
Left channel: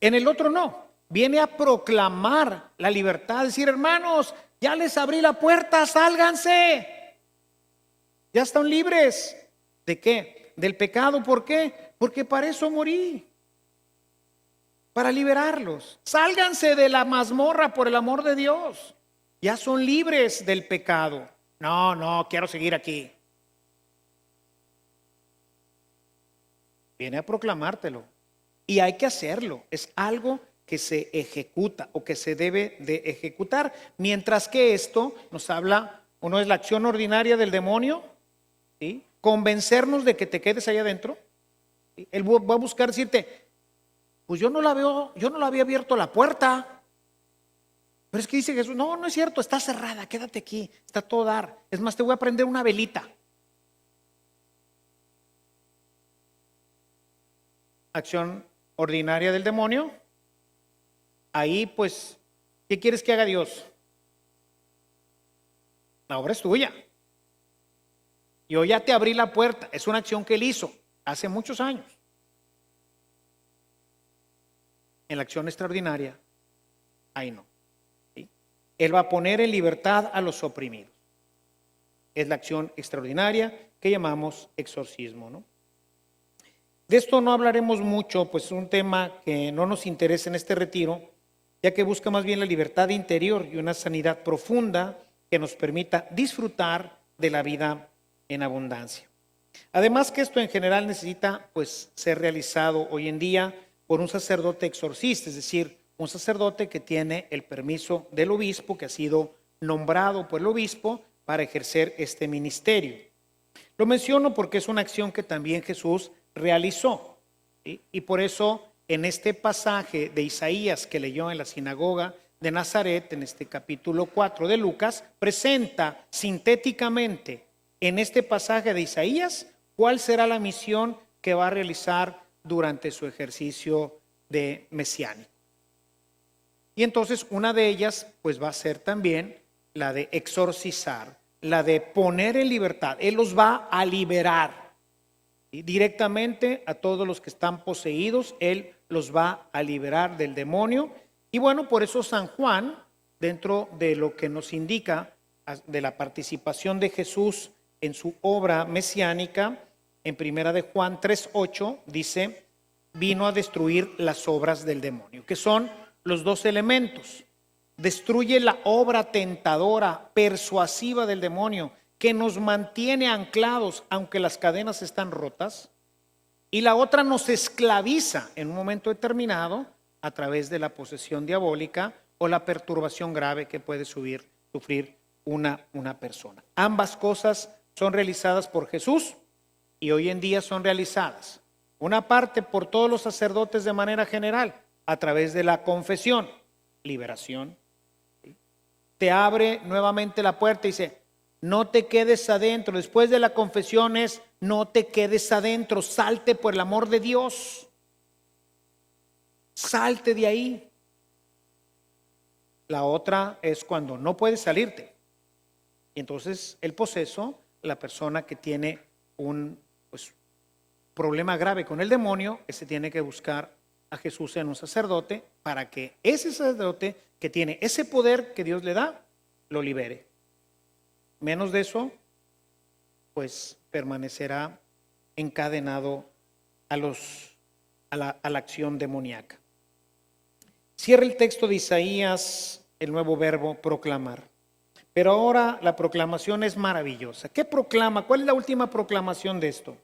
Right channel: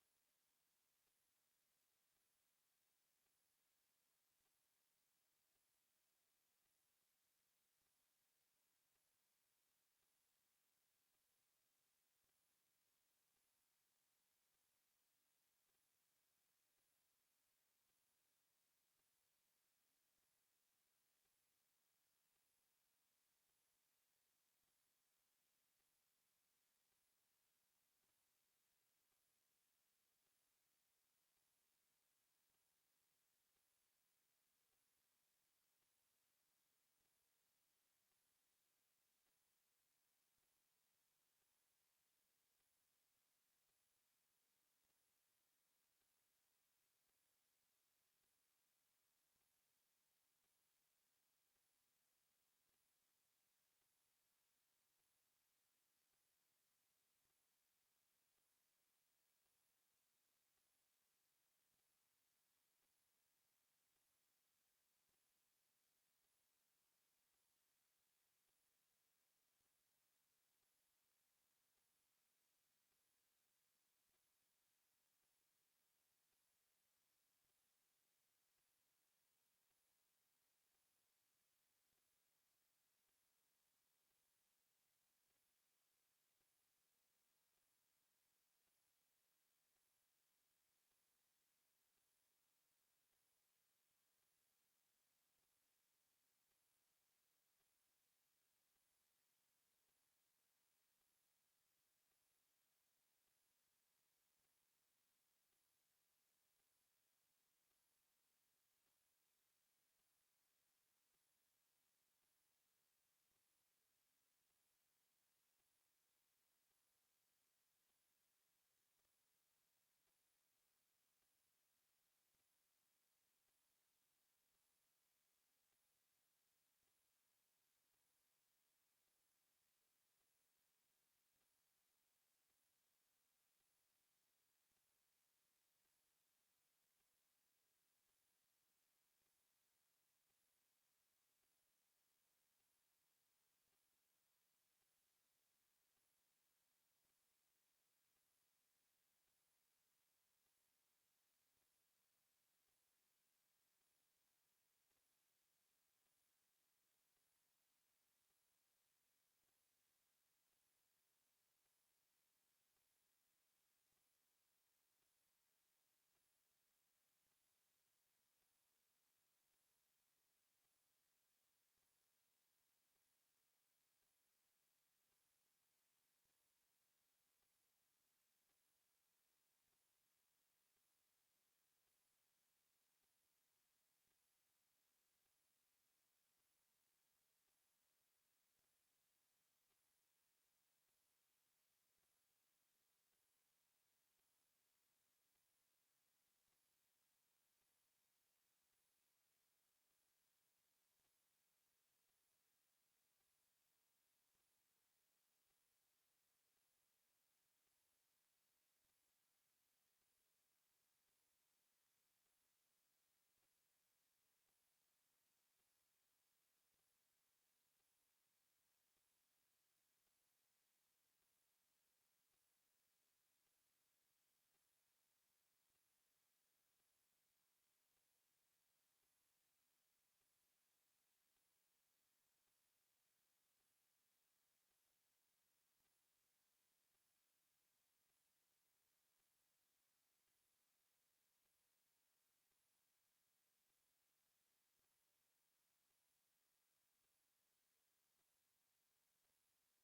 En el otro no, viene a proclamar la libertad, decir, hermanos, ya les abrí la puerta, sálganse, ya están libres. ¿De qué? Del pecado. ¿Por qué? Porque para eso morí, para liberarlos. Sálganse de la mazmorra por el amor de Dios, ya son libres del pecado. No, quiero seguir aquí. Viene a proclamártelo y hay que hacerlo, es algo que se ejecuta o que se debe de ejecutar, mientras que esto nos habla, uno es la acción ordinaria del demonio, ¿sí? Convencernos de que te quedes ahí adentro, ¿sí? Él va a buscar decirte, pues yo no la veo, yo no la había abierto la puerta, pero es que dice Jesús, no es cierto, está cerrada, quédate aquí, está todo dar, es más te voy a prender una velita. Acción ordinaria del demonio. Ahí pues, ¿qué quieres que haga Dios? La obra es tuya. Yo ya te abrí la puerta, es una acción que él hizo hace muchos años. En la acción extraordinaria, ahí no. ¿Sí? Él va a poner en libertad a los oprimidos. Es la acción extraordinaria que llamamos exorcismo, ¿no? De esto no hablaremos mucho, pues es un tema que no nos interesa en este retiro, ya que busca más bien la libertad interior y una sanidad profunda que nos permita disfrutar de la vida en abundancia. Además que esto en general necesita pues ser realizado hoy en día por un sacerdote exorcista, es decir, un sacerdote que tiene el permiso del obispo, que ha sido nombrado por el obispo para ejercer este ministerio. Lo menciono porque es una acción que también Jesús realizó, ¿sí? Y por eso en este pasaje de Isaías que leyó en la sinagoga de Nazaret, en este capítulo 4 de Lucas, presenta sintéticamente en este pasaje de Isaías cuál será la misión que va a realizar durante su ejercicio de mesiánico. Y entonces una de ellas pues va a ser también la de exorcizar, la de poner en libertad. Él los va a liberar. Y directamente a todos los que están poseídos, Él los va a liberar del demonio. Y bueno, por eso San Juan, dentro de lo que nos indica de la participación de Jesús en su obra mesiánica, en primera de Juan 3:8, dice, vino a destruir las obras del demonio, que son los dos elementos. Destruye la obra tentadora, persuasiva del demonio, que nos mantiene anclados aunque las cadenas están rotas, y la otra nos esclaviza en un momento determinado a través de la posesión diabólica o la perturbación grave que puede sufrir una persona. Ambas cosas son realizadas por Jesús y hoy en día son realizadas, una parte por todos los sacerdotes de manera general, a través de la confesión, liberación. Te abre nuevamente la puerta y dice, no te quedes adentro. Después de la confesión es, no te quedes adentro, salte por el amor de Dios. Salte de ahí. La otra es cuando no puedes salirte. Y entonces el poseso, la persona que tiene un problema grave con el demonio, ese tiene que buscar a Jesús en un sacerdote para que ese sacerdote que tiene ese poder que Dios le da, lo libere. Menos de eso, pues permanecerá encadenado a la acción demoníaca. Cierra el texto de Isaías el nuevo verbo proclamar. Pero ahora la proclamación es maravillosa. ¿Qué proclama? ¿Cuál es la última proclamación de esto?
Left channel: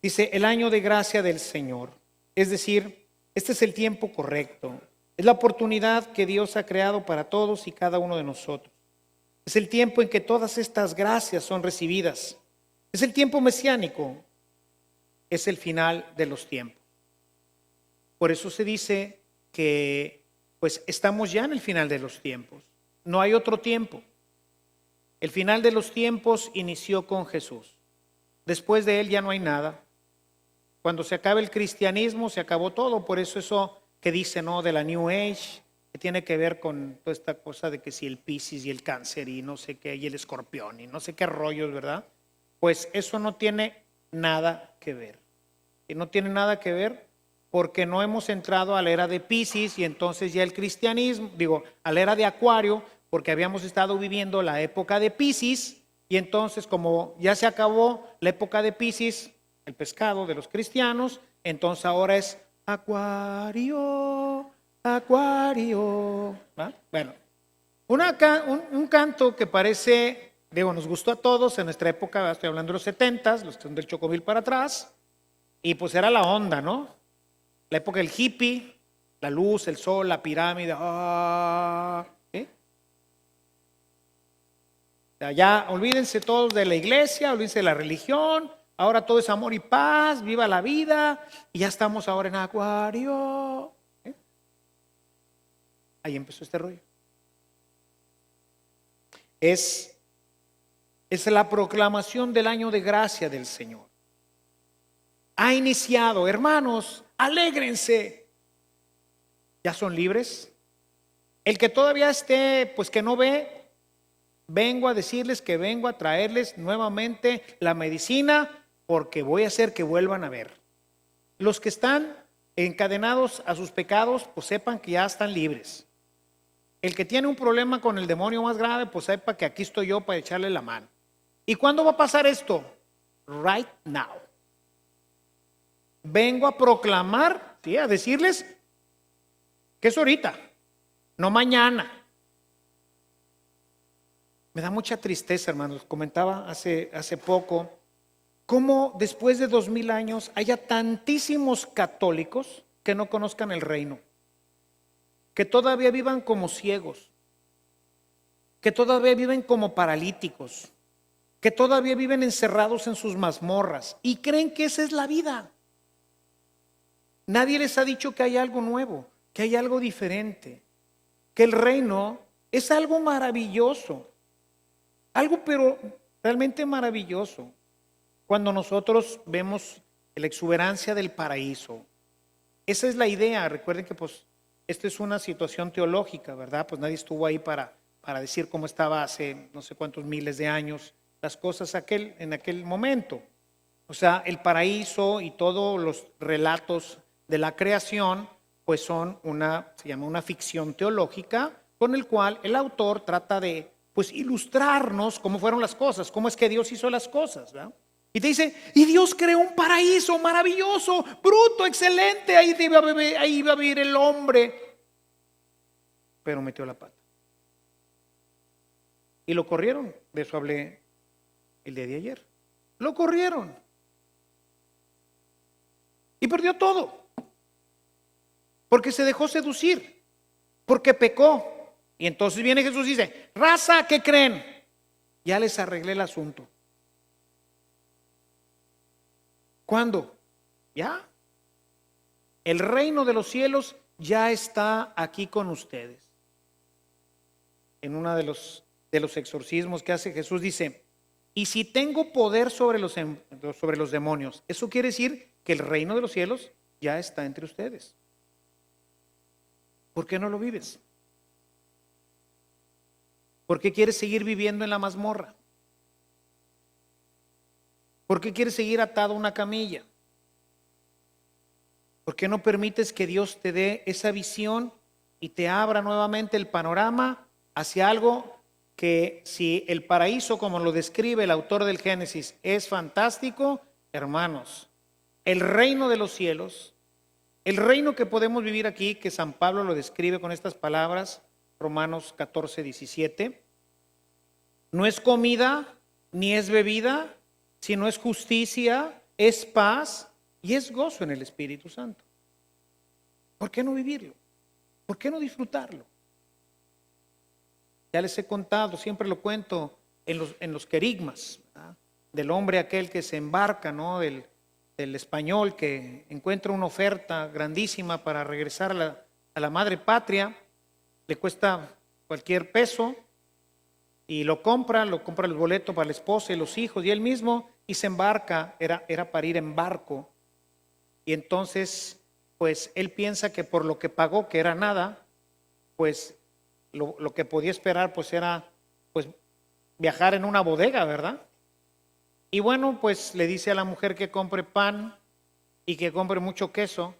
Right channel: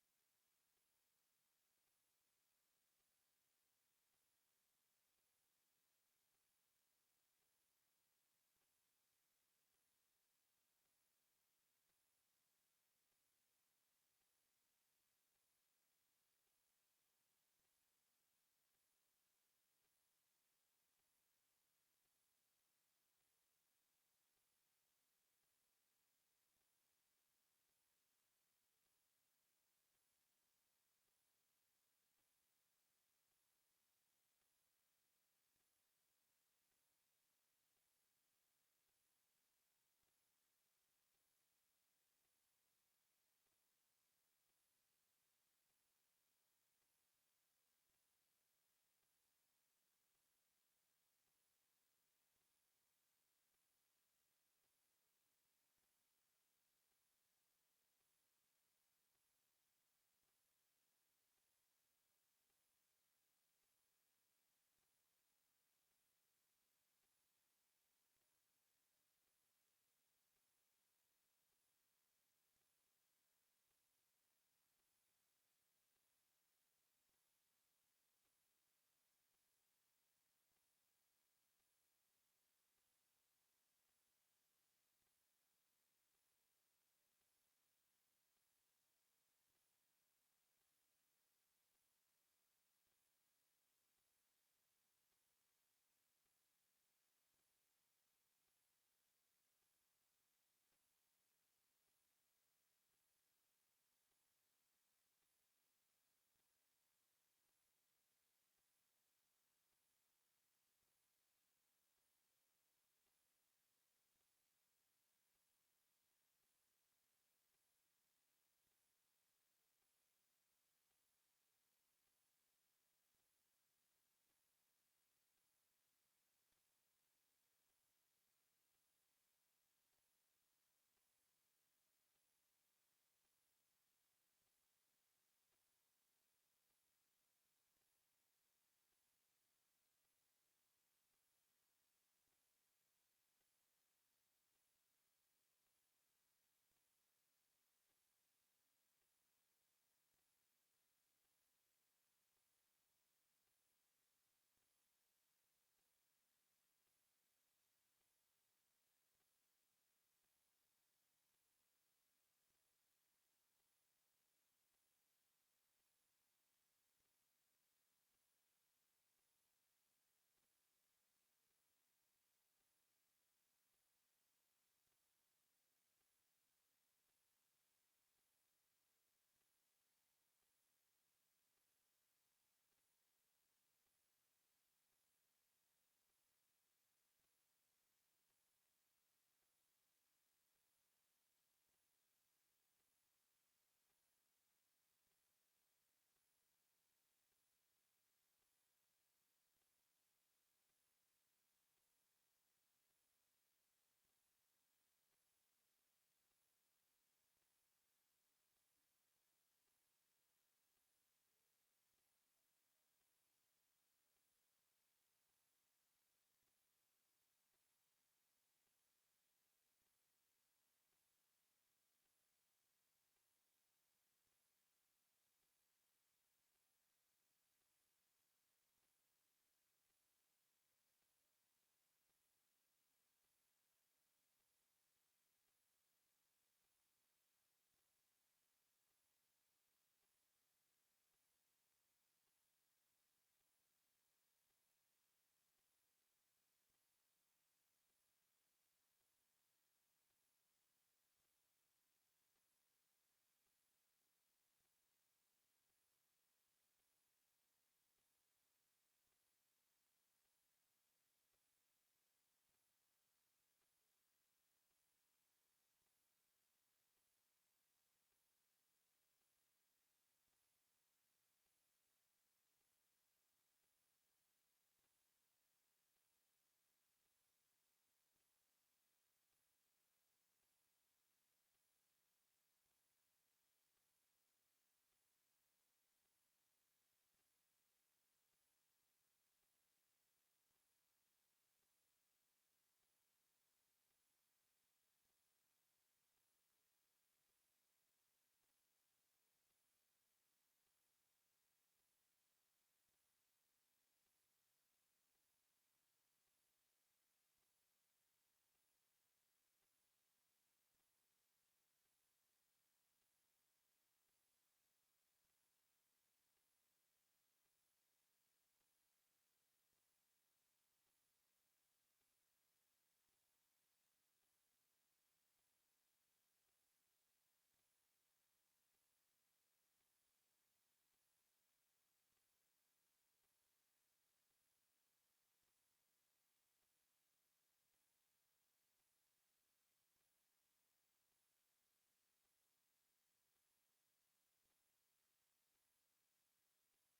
Dice, el año de gracia del Señor. Es decir, este es el tiempo correcto. Es la oportunidad que Dios ha creado para todos y cada uno de nosotros. Es el tiempo en que todas estas gracias son recibidas. Es el tiempo mesiánico. Es el final de los tiempos. Por eso se dice que pues estamos ya en el final de los tiempos. No hay otro tiempo. El final de los tiempos inició con Jesús. Después de él ya no hay nada. Cuando se acabe el cristianismo, se acabó todo. Por eso que dice, ¿no? De la New Age, que tiene que ver con toda esta cosa de que si el Piscis y el Cáncer y no sé qué, y el Escorpión y no sé qué rollos, ¿verdad? Pues eso no tiene nada que ver. Y no tiene nada que ver porque no hemos entrado a la era de Piscis y entonces ya el cristianismo, a la era de Acuario, porque habíamos estado viviendo la época de Piscis y entonces como ya se acabó la época de Piscis, el pescado de los cristianos, entonces ahora es Acuario, Acuario. ¿Ah? Bueno, un canto que parece, nos gustó a todos en nuestra época, estoy hablando de los 70s, los del Chocomil para atrás, y pues era la onda, ¿no? La época del hippie, la luz, el sol, la pirámide. ¿Sí? O sea, ya olvídense todos de la iglesia, olvídense de la religión. Ahora todo es amor y paz, viva la vida. Y ya estamos ahora en Acuario. ¿Sí? Ahí empezó este rollo. Es la proclamación del año de gracia del Señor. Ha iniciado, hermanos, alégrense. ¿Ya son libres? El que todavía esté, pues que no ve, vengo a decirles que vengo a traerles nuevamente la medicina porque voy a hacer que vuelvan a ver. Los que están encadenados a sus pecados, pues sepan que ya están libres. El que tiene un problema con el demonio más grave, pues sepa que aquí estoy yo para echarle la mano. ¿Y cuándo va a pasar esto? Right now. Vengo a proclamar, ¿sí? A decirles que es ahorita, no mañana. Me da mucha tristeza, hermanos. Comentaba hace poco cómo después de 2000 años haya tantísimos católicos que no conozcan el reino, que todavía vivan como ciegos, que todavía viven como paralíticos, que todavía viven encerrados en sus mazmorras y creen que esa es la vida. Nadie les ha dicho que hay algo nuevo, que hay algo diferente, que el reino es algo maravilloso, algo pero realmente maravilloso. Cuando nosotros vemos la exuberancia del paraíso, esa es la idea. Recuerden que pues esta es una situación teológica, ¿verdad? Pues nadie estuvo ahí para decir cómo estaba hace no sé cuántos miles de años las cosas en aquel momento. O sea, el paraíso y todos los relatos de la creación pues se llama una ficción teológica con el cual el autor trata de pues ilustrarnos cómo fueron las cosas, cómo es que Dios hizo las cosas, ¿verdad? Y te dice, y Dios creó un paraíso maravilloso, bruto, excelente, ahí iba a vivir el hombre, pero metió la pata. Y lo corrieron, de eso hablé el día de ayer. Lo corrieron. Y perdió todo. Porque se dejó seducir, porque pecó. Y entonces viene Jesús y dice, raza, ¿qué creen? Ya les arreglé el asunto. ¿Cuándo? Ya. El reino de los cielos ya está aquí con ustedes. En uno de los exorcismos que hace Jesús dice, y si tengo poder sobre los demonios, eso quiere decir que el reino de los cielos ya está entre ustedes. ¿Por qué no lo vives? ¿Por qué quieres seguir viviendo en la mazmorra? ¿Por qué quieres seguir atado a una camilla? ¿Por qué no permites que Dios te dé esa visión y te abra nuevamente el panorama hacia algo que, si el paraíso, como lo describe el autor del Génesis, es fantástico, hermanos, el reino de los cielos, el reino que podemos vivir aquí, que San Pablo lo describe con estas palabras, Romanos 14, 17, no es comida ni es bebida, sino es justicia, es paz y es gozo en el Espíritu Santo. ¿Por qué no vivirlo? ¿Por qué no disfrutarlo? Ya les he contado, siempre lo cuento en los querigmas, ¿verdad? Del hombre aquel que se embarca, ¿no? del español que encuentra una oferta grandísima para regresar a la madre patria, le cuesta cualquier peso y lo compra el boleto para la esposa y los hijos y él mismo y se embarca, era para ir en barco. Y entonces, pues él piensa que por lo que pagó, que era nada, pues lo que podía esperar pues era pues viajar en una bodega, ¿verdad? Y bueno, pues le dice a la mujer que compre pan y que compre mucho queso,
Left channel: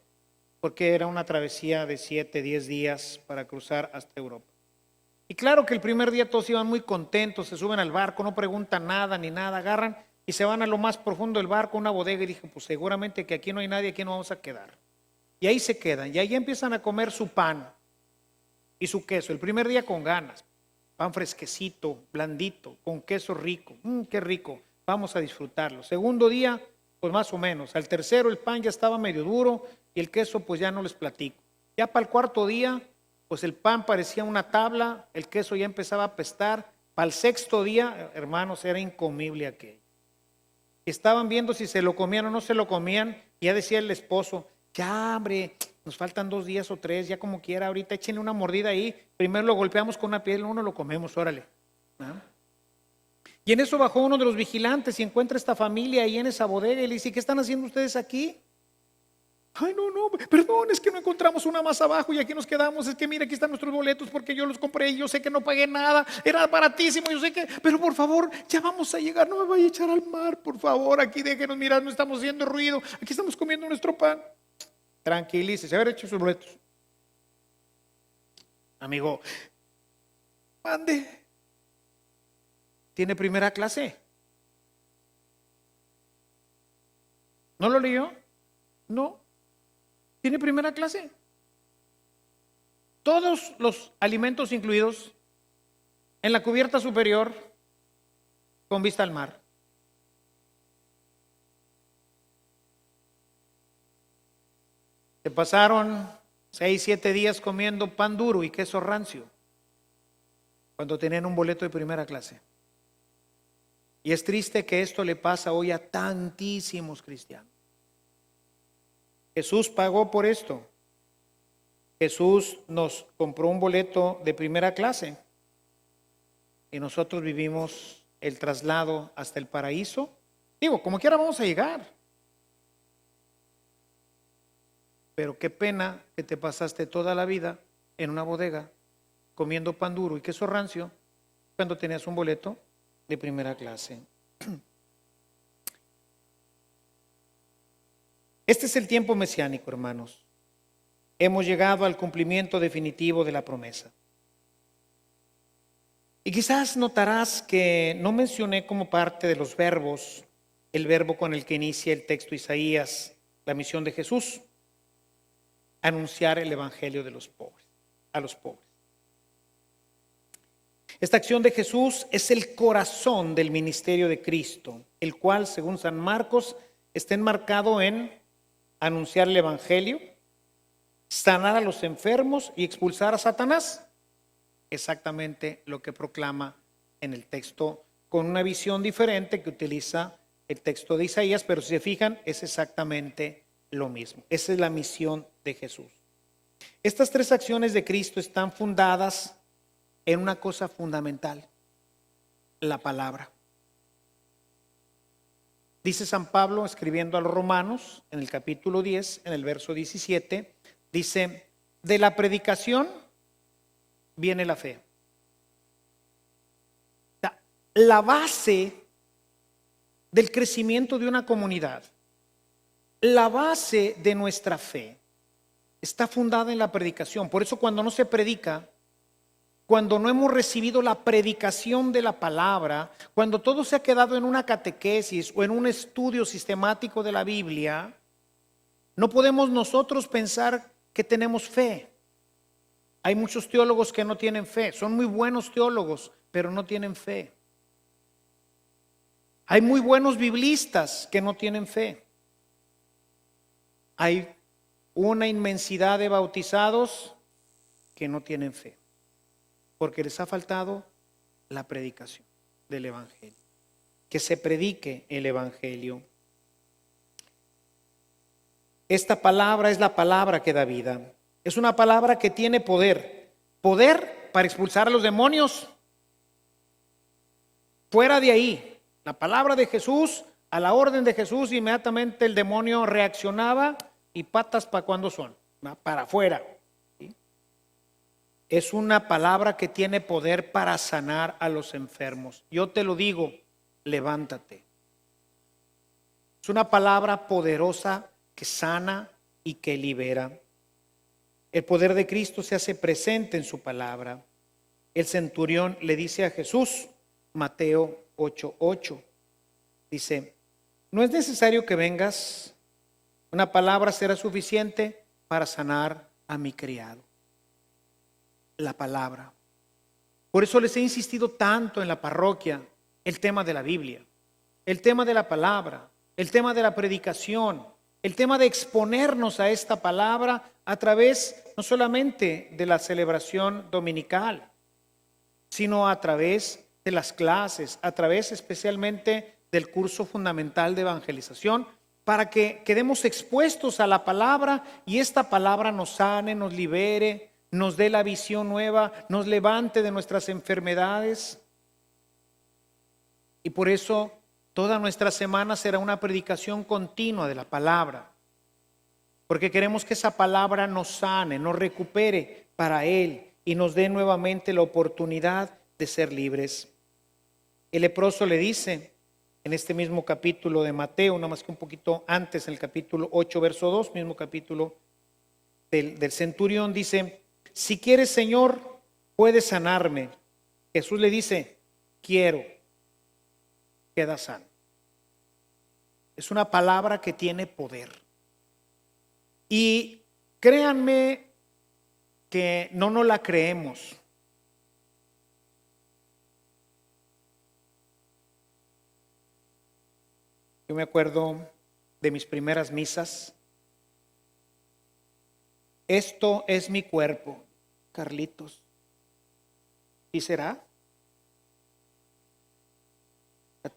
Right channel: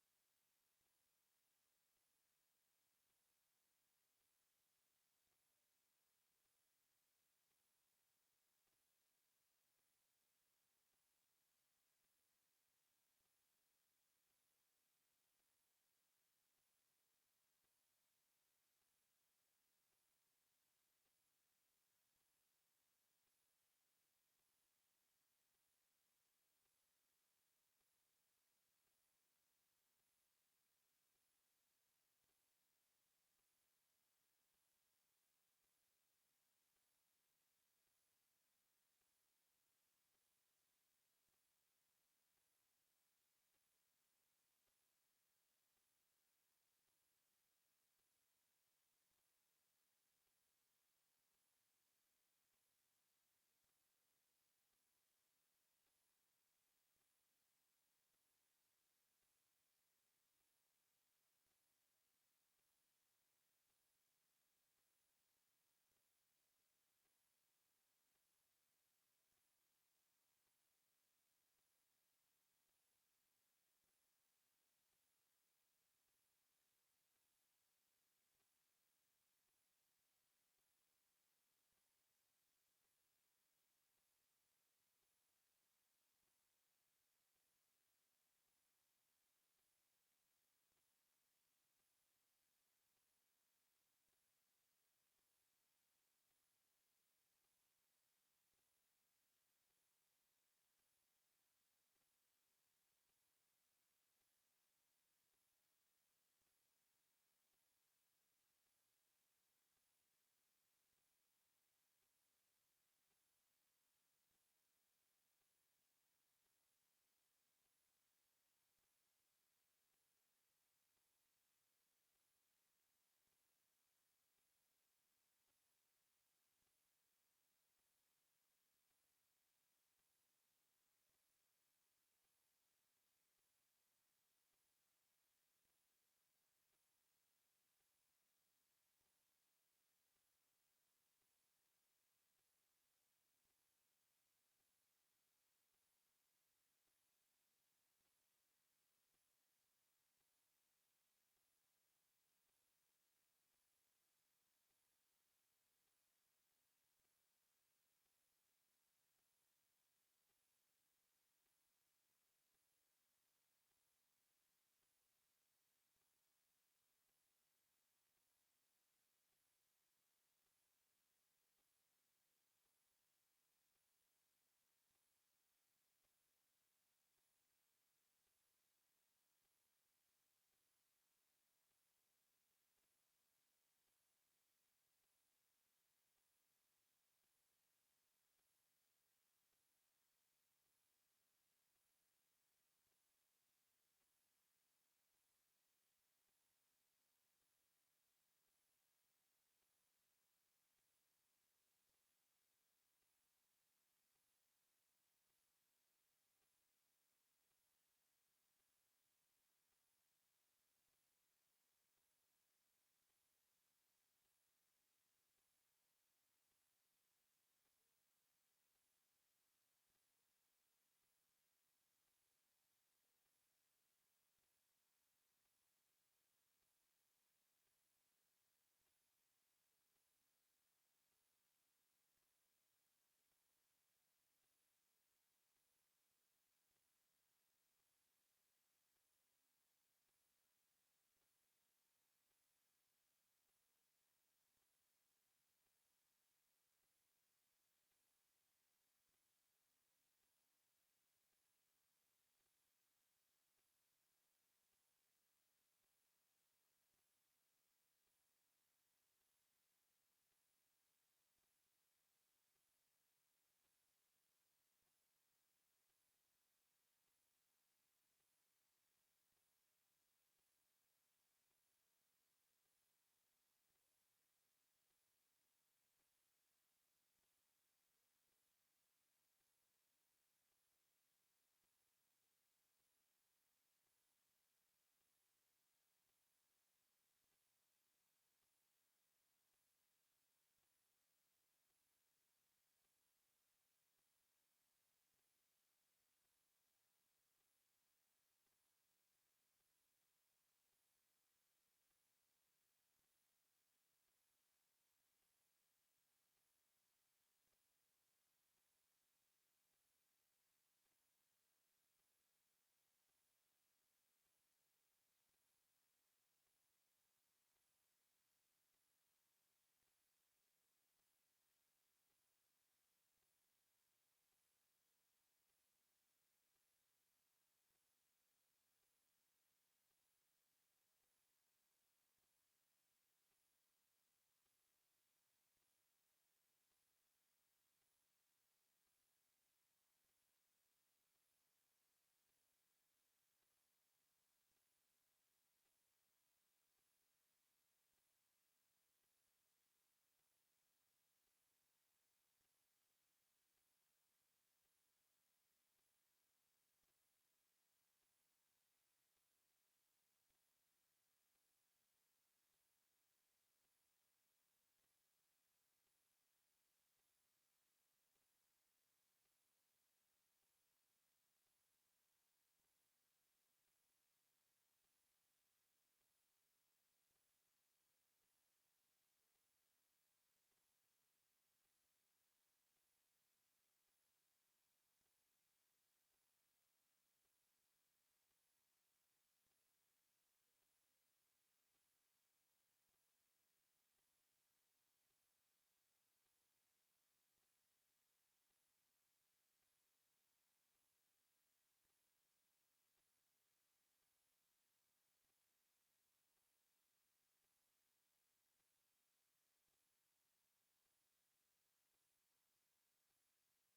porque era una travesía de 7, 10 días para cruzar hasta Europa. Y claro que el primer día todos iban muy contentos, se suben al barco, no preguntan nada ni nada, agarran y se van a lo más profundo del barco, una bodega, y dije, pues seguramente que aquí no hay nadie, aquí no vamos a quedar. Y ahí se quedan, y ahí empiezan a comer su pan y su queso. El primer día con ganas, pan fresquecito, blandito, con queso rico, qué rico, vamos a disfrutarlo. Segundo día, pues más o menos. Al tercero el pan ya estaba medio duro y el queso pues ya no les platico. Ya para el cuarto día, pues el pan parecía una tabla, el queso ya empezaba a apestar. Para el sexto día, hermanos, era incomible aquello. Estaban viendo si se lo comían o no se lo comían. Y ya decía el esposo, ya hombre, nos faltan 2 días o 3, ya como quiera, ahorita échenle una mordida ahí. Primero lo golpeamos con una piedra, uno lo comemos, órale. ¿No? Y en eso bajó uno de los vigilantes y encuentra esta familia ahí en esa bodega y le dice, ¿qué están haciendo ustedes aquí? Ay, no, perdón, es que no encontramos una más abajo y aquí nos quedamos. Es que mira, aquí están nuestros boletos porque yo los compré y yo sé que no pagué nada, era baratísimo, yo sé que, pero por favor, ya vamos a llegar, no me vaya a echar al mar, por favor, aquí déjenos mirar, no estamos haciendo ruido, aquí estamos comiendo nuestro pan. Tranquilícese, haber hecho sus boletos. Amigo, mande. ¿Tiene primera clase? ¿No lo leyó? No. ¿Tiene primera clase? Todos los alimentos incluidos en la cubierta superior con vista al mar. Se pasaron 6, 7 días comiendo pan duro y queso rancio cuando tenían un boleto de primera clase. Y es triste que esto le pasa hoy a tantísimos cristianos. Jesús pagó por esto. Jesús nos compró un boleto de primera clase y nosotros vivimos el traslado hasta el paraíso. Digo, como quiera vamos a llegar. Pero qué pena que te pasaste toda la vida en una bodega comiendo pan duro y queso rancio cuando tenías un boleto de primera clase. Este es el tiempo mesiánico, hermanos. Hemos llegado al cumplimiento definitivo de la promesa. Y quizás notarás que no mencioné como parte de los verbos el verbo con el que inicia el texto Isaías, la misión de Jesús, anunciar el evangelio de los pobres, a los pobres. Esta acción de Jesús es el corazón del ministerio de Cristo, el cual, según San Marcos, está enmarcado en anunciar el evangelio, sanar a los enfermos y expulsar a Satanás. Exactamente lo que proclama en el texto, con una visión diferente que utiliza el texto de Isaías, pero si se fijan, es exactamente lo mismo. Esa es la misión de Jesús. Estas 3 acciones de Cristo están fundadas en una cosa fundamental, la palabra. Dice San Pablo, escribiendo a los Romanos, en el capítulo 10, en el verso 17, dice, de la predicación viene la fe. La base del crecimiento de una comunidad, la base de nuestra fe, está fundada en la predicación. Por eso cuando no se predica, cuando no hemos recibido la predicación de la palabra, cuando todo se ha quedado en una catequesis o en un estudio sistemático de la Biblia, no podemos nosotros pensar que tenemos fe. Hay muchos teólogos que no tienen fe, son muy buenos teólogos, pero no tienen fe. Hay muy buenos biblistas que no tienen fe. Hay una inmensidad de bautizados que no tienen fe, porque les ha faltado la predicación del evangelio. Que se predique el evangelio. Esta palabra es la palabra que da vida. Es una palabra que tiene poder. Poder para expulsar a los demonios. Fuera de ahí, la palabra de Jesús, a la orden de Jesús, inmediatamente el demonio reaccionaba y patas para cuando son, ¿va? Para afuera. ¿Sí? Es una palabra que tiene poder para sanar a los enfermos. Yo te lo digo, levántate. Es una palabra poderosa que sana y que libera. El poder de Cristo se hace presente en su palabra. El centurión le dice a Jesús, Mateo 8:8, dice, no es necesario que vengas, una palabra será suficiente para sanar a mi criado. La palabra. Por eso les he insistido tanto en la parroquia el tema de la Biblia, el tema de la palabra, el tema de la predicación, el tema de exponernos a esta palabra a través no solamente de la celebración dominical, sino a través de las clases, a través especialmente del curso fundamental de evangelización, para que quedemos expuestos a la palabra y esta palabra nos sane, nos libere, nos dé la visión nueva, nos levante de nuestras enfermedades. Y por eso toda nuestra semana será una predicación continua de la palabra, porque queremos que esa palabra nos sane, nos recupere para Él y nos dé nuevamente la oportunidad de ser libres. El leproso le dice en este mismo capítulo de Mateo, nada más que un poquito antes, en el capítulo 8, verso 2, mismo capítulo del centurión, dice, si quieres, Señor, puedes sanarme. Jesús le dice, quiero, queda sano. Es una palabra que tiene poder. Y créanme que no nos la creemos. Yo me acuerdo de mis primeras misas. Esto es mi cuerpo, Carlitos. ¿Y será?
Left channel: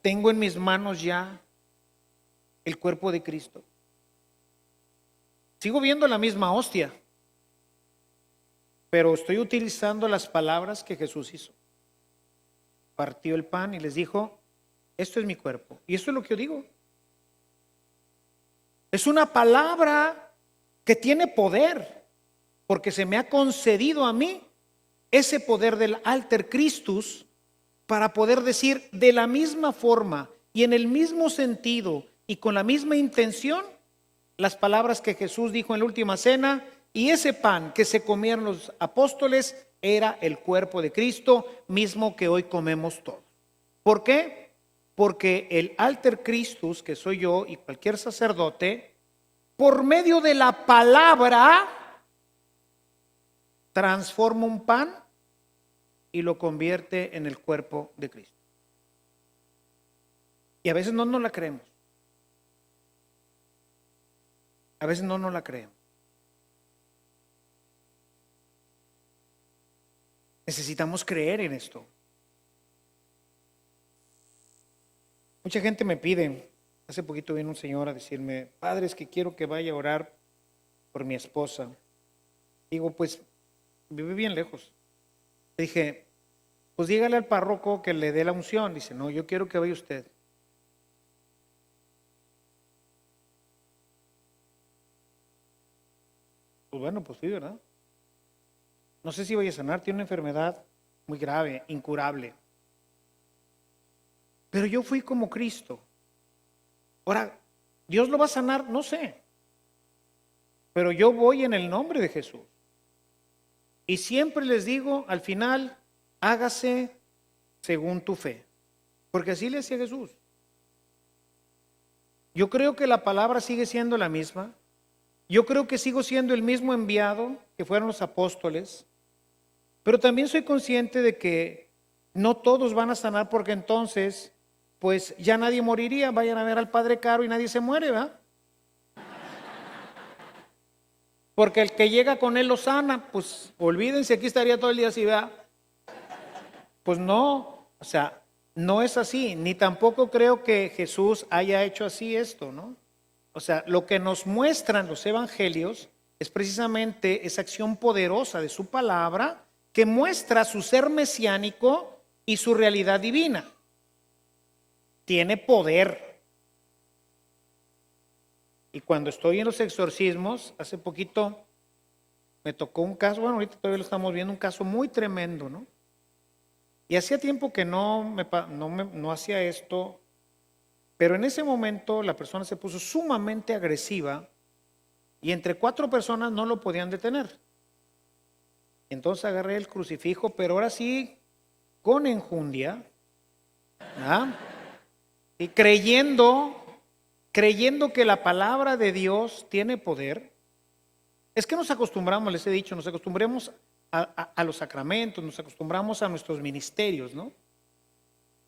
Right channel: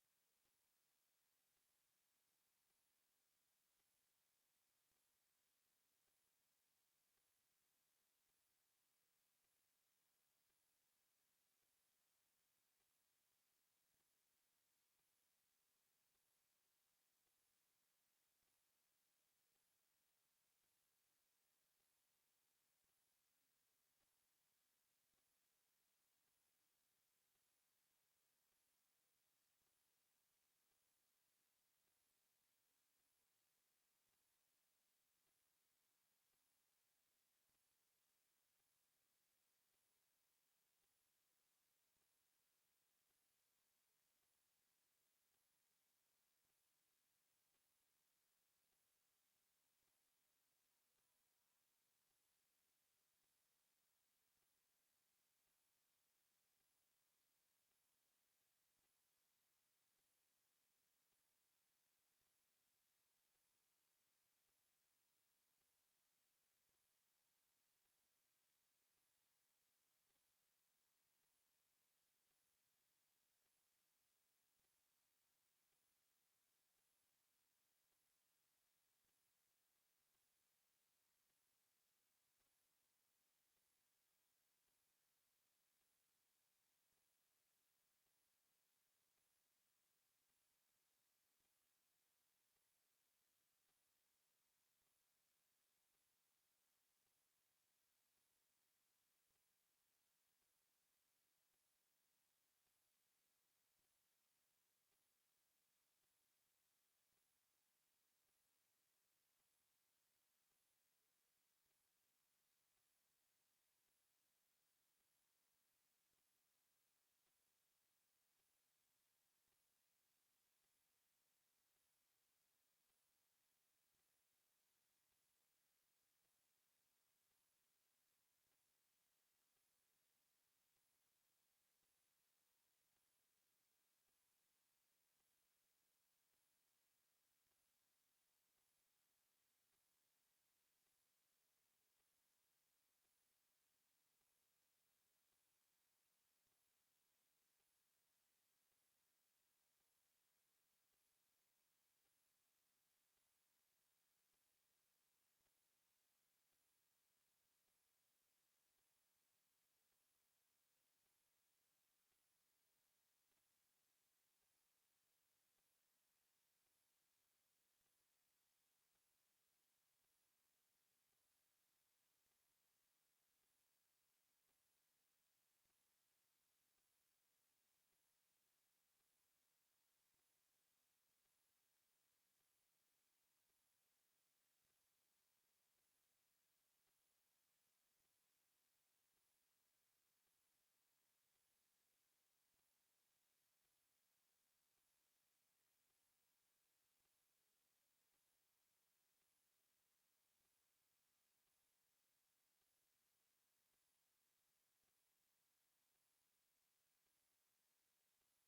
Tengo en mis manos ya el cuerpo de Cristo. Sigo viendo la misma hostia, pero estoy utilizando las palabras que Jesús hizo. Partió el pan y les dijo, esto es mi cuerpo. Y esto es lo que yo digo. Es una palabra que tiene poder, porque se me ha concedido a mí ese poder del alter Christus para poder decir de la misma forma y en el mismo sentido y con la misma intención las palabras que Jesús dijo en la última cena, y ese pan que se comieron los apóstoles era el cuerpo de Cristo mismo que hoy comemos todos. ¿Por qué? Porque el alter Christus, que soy yo y cualquier sacerdote, por medio de la palabra transforma un pan y lo convierte en el cuerpo de Cristo. Y a veces no nos la creemos. A veces no nos la creemos. Necesitamos creer en esto. Mucha gente me pide, hace poquito vino un señor a decirme, padre, es que quiero que vaya a orar por mi esposa. Digo, pues, vive bien lejos. Le dije, pues dígale al párroco que le dé la unción. Dice, no, yo quiero que vaya usted. Pues bueno, pues sí, ¿verdad? No sé si vaya a sanar, tiene una enfermedad muy grave, incurable. Pero yo fui como Cristo. Ahora, ¿Dios lo va a sanar? No sé. Pero yo voy en el nombre de Jesús. Y siempre les digo, al final, hágase según tu fe. Porque así le decía Jesús. Yo creo que la palabra sigue siendo la misma. Yo creo que sigo siendo el mismo enviado que fueron los apóstoles. Pero también soy consciente de que no todos van a sanar porque entonces, pues ya nadie moriría. Vayan a ver al Padre Caro y nadie se muere, ¿verdad? Porque el que llega con él lo sana, pues olvídense, aquí estaría todo el día así, ¿verdad? Pues no, o sea, no es así, ni tampoco creo que Jesús haya hecho así esto, ¿no? O sea, lo que nos muestran los evangelios es precisamente esa acción poderosa de su palabra que muestra su ser mesiánico y su realidad divina. Tiene poder. Y cuando estoy en los exorcismos, hace poquito me tocó un caso, bueno, ahorita todavía lo estamos viendo, un caso muy tremendo, ¿no? Y hacía tiempo que no hacía esto, pero en ese momento la persona se puso sumamente agresiva y entre 4 personas no lo podían detener. Entonces agarré el crucifijo, pero ahora sí, con enjundia, ¿ah? Y creyendo que la palabra de Dios tiene poder. Es que nos acostumbramos, les he dicho, nos acostumbramos a los sacramentos, nos acostumbramos a nuestros ministerios, ¿no?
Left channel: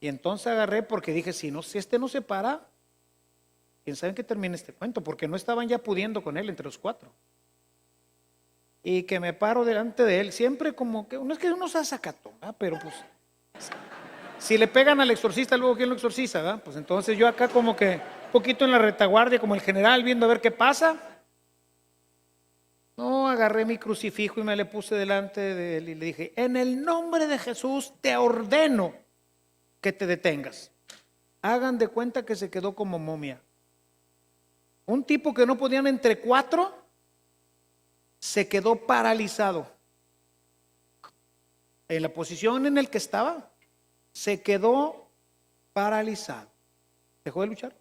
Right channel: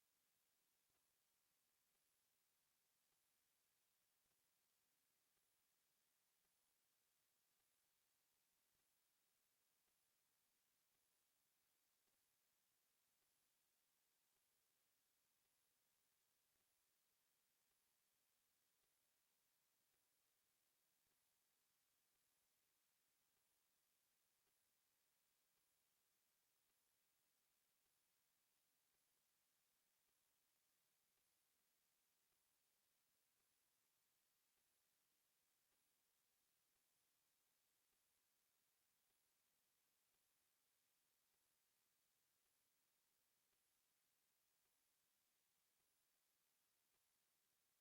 Y entonces agarré porque dije, si este no se para, quién sabe en qué termina este cuento, porque no estaban ya pudiendo con él entre los 4. Y que me paro delante de él, siempre como que, no es que uno sea sacatón, ¿verdad? Pero pues, si le pegan al exorcista, luego ¿quién lo exorciza, verdad? Pues entonces yo acá como que, un poquito en la retaguardia, como el general, viendo a ver qué pasa. No, agarré mi crucifijo y me le puse delante de él y le dije, en el nombre de Jesús te ordeno que te detengas. Hagan de cuenta que se quedó como momia. Un tipo que no podían entre 4, se quedó paralizado. En la posición en la que estaba, se quedó paralizado. ¿Dejó de luchar?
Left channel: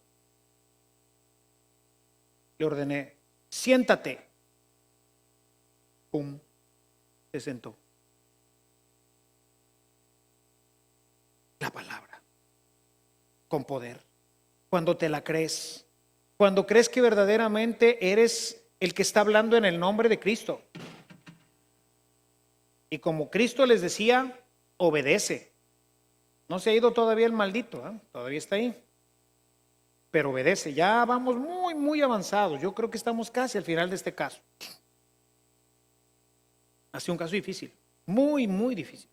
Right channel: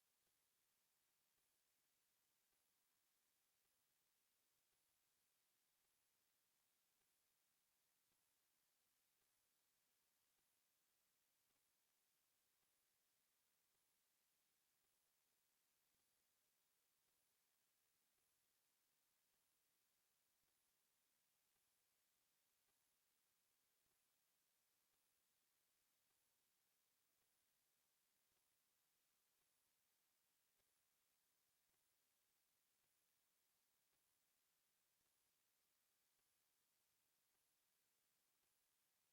Le ordené, siéntate. Pum, se sentó. La palabra, con poder. Cuando te la crees, cuando crees que verdaderamente eres el que está hablando en el nombre de Cristo. Y como Cristo les decía, obedece. No se ha ido todavía el maldito, ¿eh? Todavía está ahí. Pero obedece. Ya vamos muy, muy avanzados. Yo creo que estamos casi al final de este caso. Ha sido un caso difícil, muy, muy difícil.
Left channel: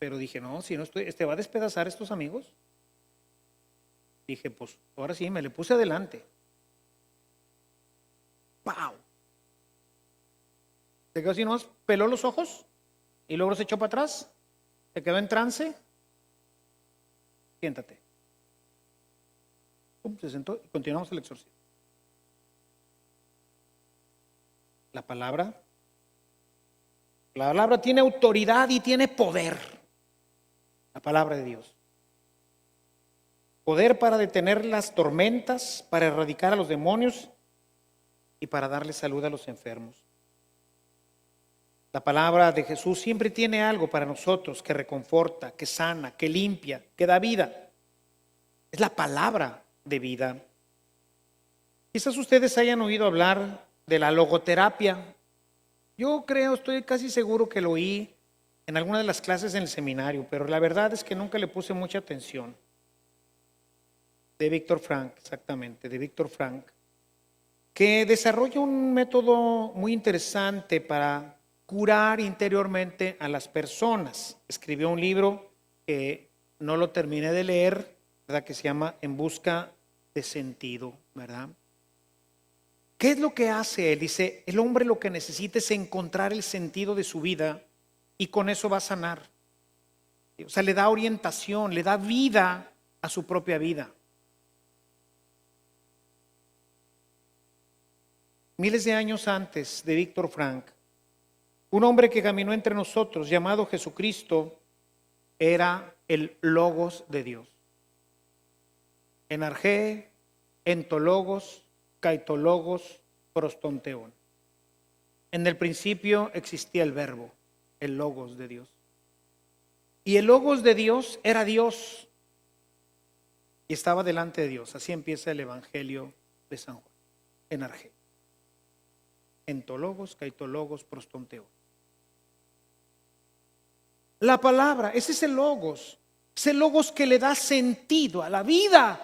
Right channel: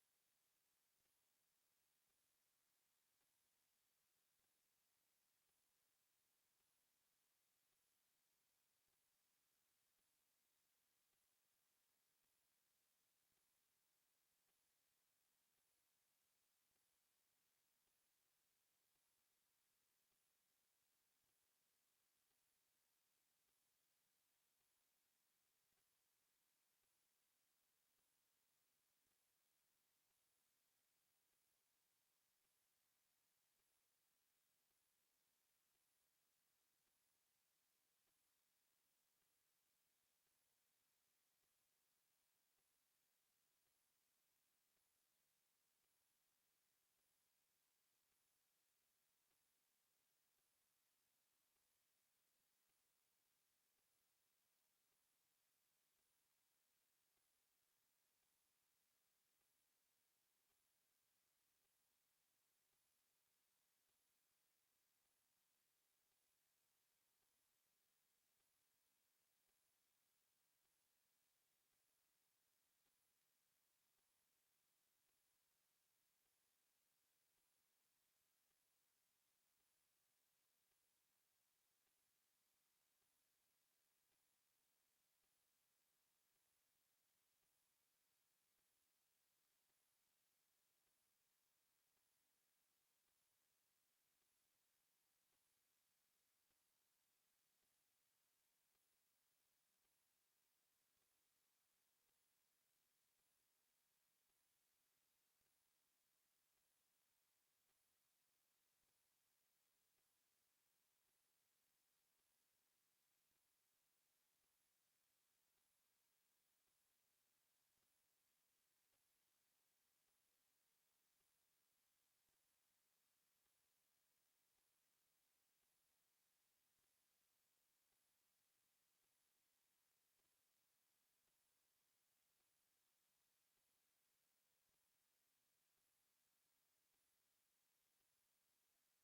Pero dije, no, si no estoy, va a despedazar a estos amigos. Dije, pues ahora sí, me le puse adelante. ¡Pau! Se quedó así nomás, peló los ojos y luego se echó para atrás. Se quedó en trance. Siéntate. Pum, se sentó y continuamos el exorcismo. La palabra tiene autoridad y tiene poder. La palabra de Dios. Poder para detener las tormentas, para erradicar a los demonios y para darle salud a los enfermos. La palabra de Jesús siempre tiene algo para nosotros que reconforta, que sana, que limpia, que da vida. Es la palabra de vida. Quizás ustedes hayan oído hablar de la logoterapia. Yo creo, estoy casi seguro que lo oí en alguna de las clases en el seminario, pero la verdad es que nunca le puse mucha atención. De Víctor Frank, exactamente, de Víctor Frank, que desarrolla un método muy interesante para curar interiormente a las personas. Escribió un libro que no lo terminé de leer, ¿verdad? Que se llama En busca de sentido, ¿verdad? ¿Qué es lo que hace él? Dice, el hombre lo que necesita es encontrar el sentido de su vida y con eso va a sanar. O sea, le da orientación, le da vida a su propia vida. Miles de años antes de Víctor Frank, un hombre que caminó entre nosotros, llamado Jesucristo, era el Logos de Dios. En arjé, entologos, caitologos, prostonteón. En el principio existía el verbo, el Logos de Dios. Y el Logos de Dios era Dios y estaba delante de Dios. Así empieza el Evangelio de San Juan, en arjé. Entologos, caitologos, prostonteón. La palabra, ese es el logos que le da sentido a la vida.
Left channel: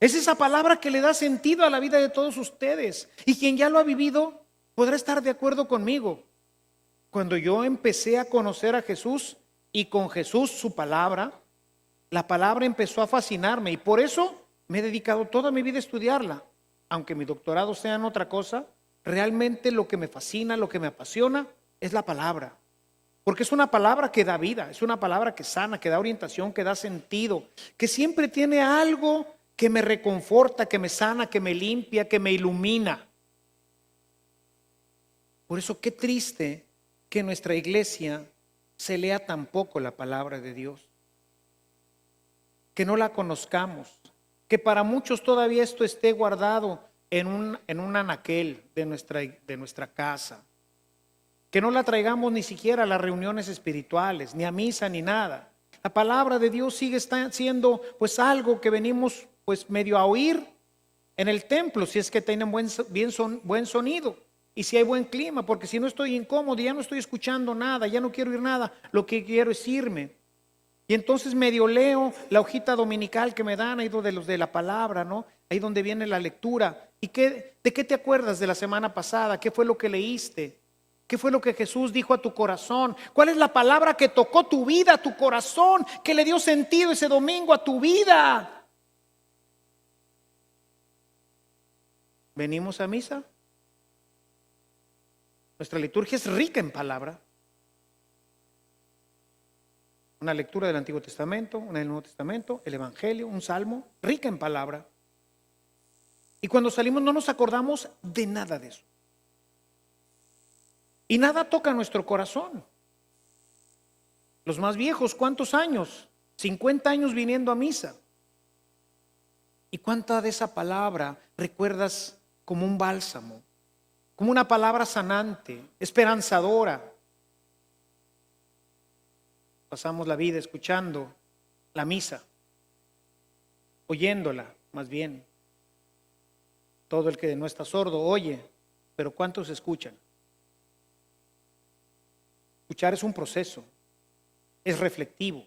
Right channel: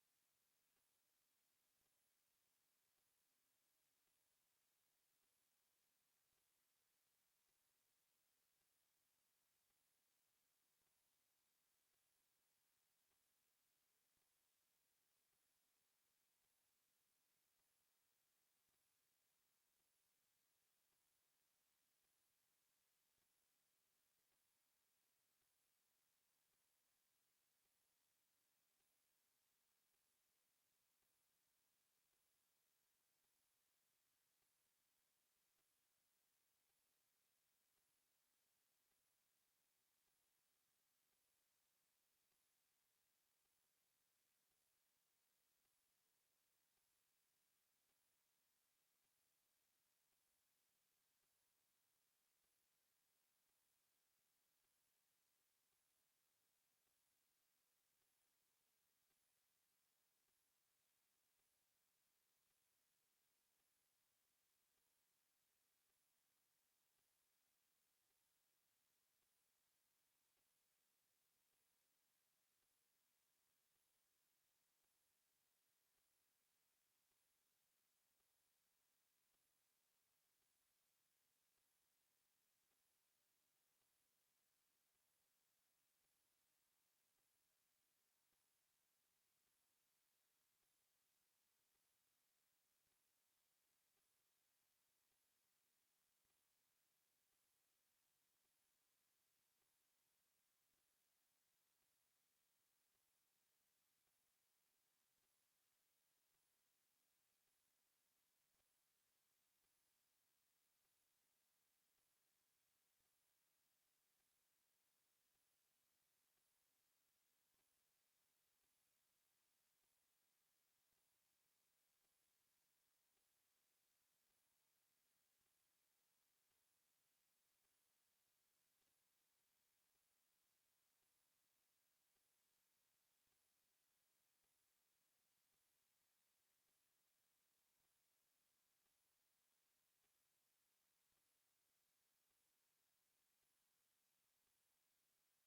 Es esa palabra que le da sentido a la vida de todos ustedes. Y quien ya lo ha vivido podrá estar de acuerdo conmigo. Cuando yo empecé a conocer a Jesús y con Jesús su palabra, la palabra empezó a fascinarme y por eso me he dedicado toda mi vida a estudiarla. Aunque mi doctorado sea en otra cosa, realmente lo que me fascina, lo que me apasiona es la palabra. Porque es una palabra que da vida, es una palabra que sana, que da orientación, que da sentido, que siempre tiene algo que me reconforta, que me sana, que me limpia, que me ilumina. Por eso qué triste que en nuestra iglesia se lea tan poco la palabra de Dios, que no la conozcamos, que para muchos todavía esto esté guardado en un anaquel de nuestra casa, que no la traigamos ni siquiera a las reuniones espirituales, ni a misa, ni nada. La palabra de Dios sigue siendo pues algo que venimos pues medio a oír en el templo, si es que tienen buen sonido y si hay buen clima, porque si no estoy incómodo, ya no estoy escuchando nada, ya no quiero oír nada, lo que quiero es irme. Y entonces medio leo la hojita dominical que me dan, ahí de los de la palabra, ¿no? Ahí donde viene la lectura. ¿Y de qué te acuerdas de la semana pasada? ¿Qué fue lo que leíste? ¿Qué fue lo que Jesús dijo a tu corazón? ¿Cuál es la palabra que tocó tu vida, tu corazón, que le dio sentido ese domingo a tu vida? ¿Venimos a misa? Nuestra liturgia es rica en palabra. Una lectura del Antiguo Testamento, una del Nuevo Testamento, el Evangelio, un salmo, rica en palabra. Y cuando salimos no nos acordamos de nada de eso. Y nada toca nuestro corazón. Los más viejos, ¿cuántos años? 50 años viniendo a misa. ¿Y cuánta de esa palabra recuerdas como un bálsamo? Como una palabra sanante, esperanzadora. Pasamos la vida escuchando la misa, oyéndola más bien. Todo el que no está sordo oye, pero ¿cuántos escuchan? Escuchar es un proceso, es reflectivo,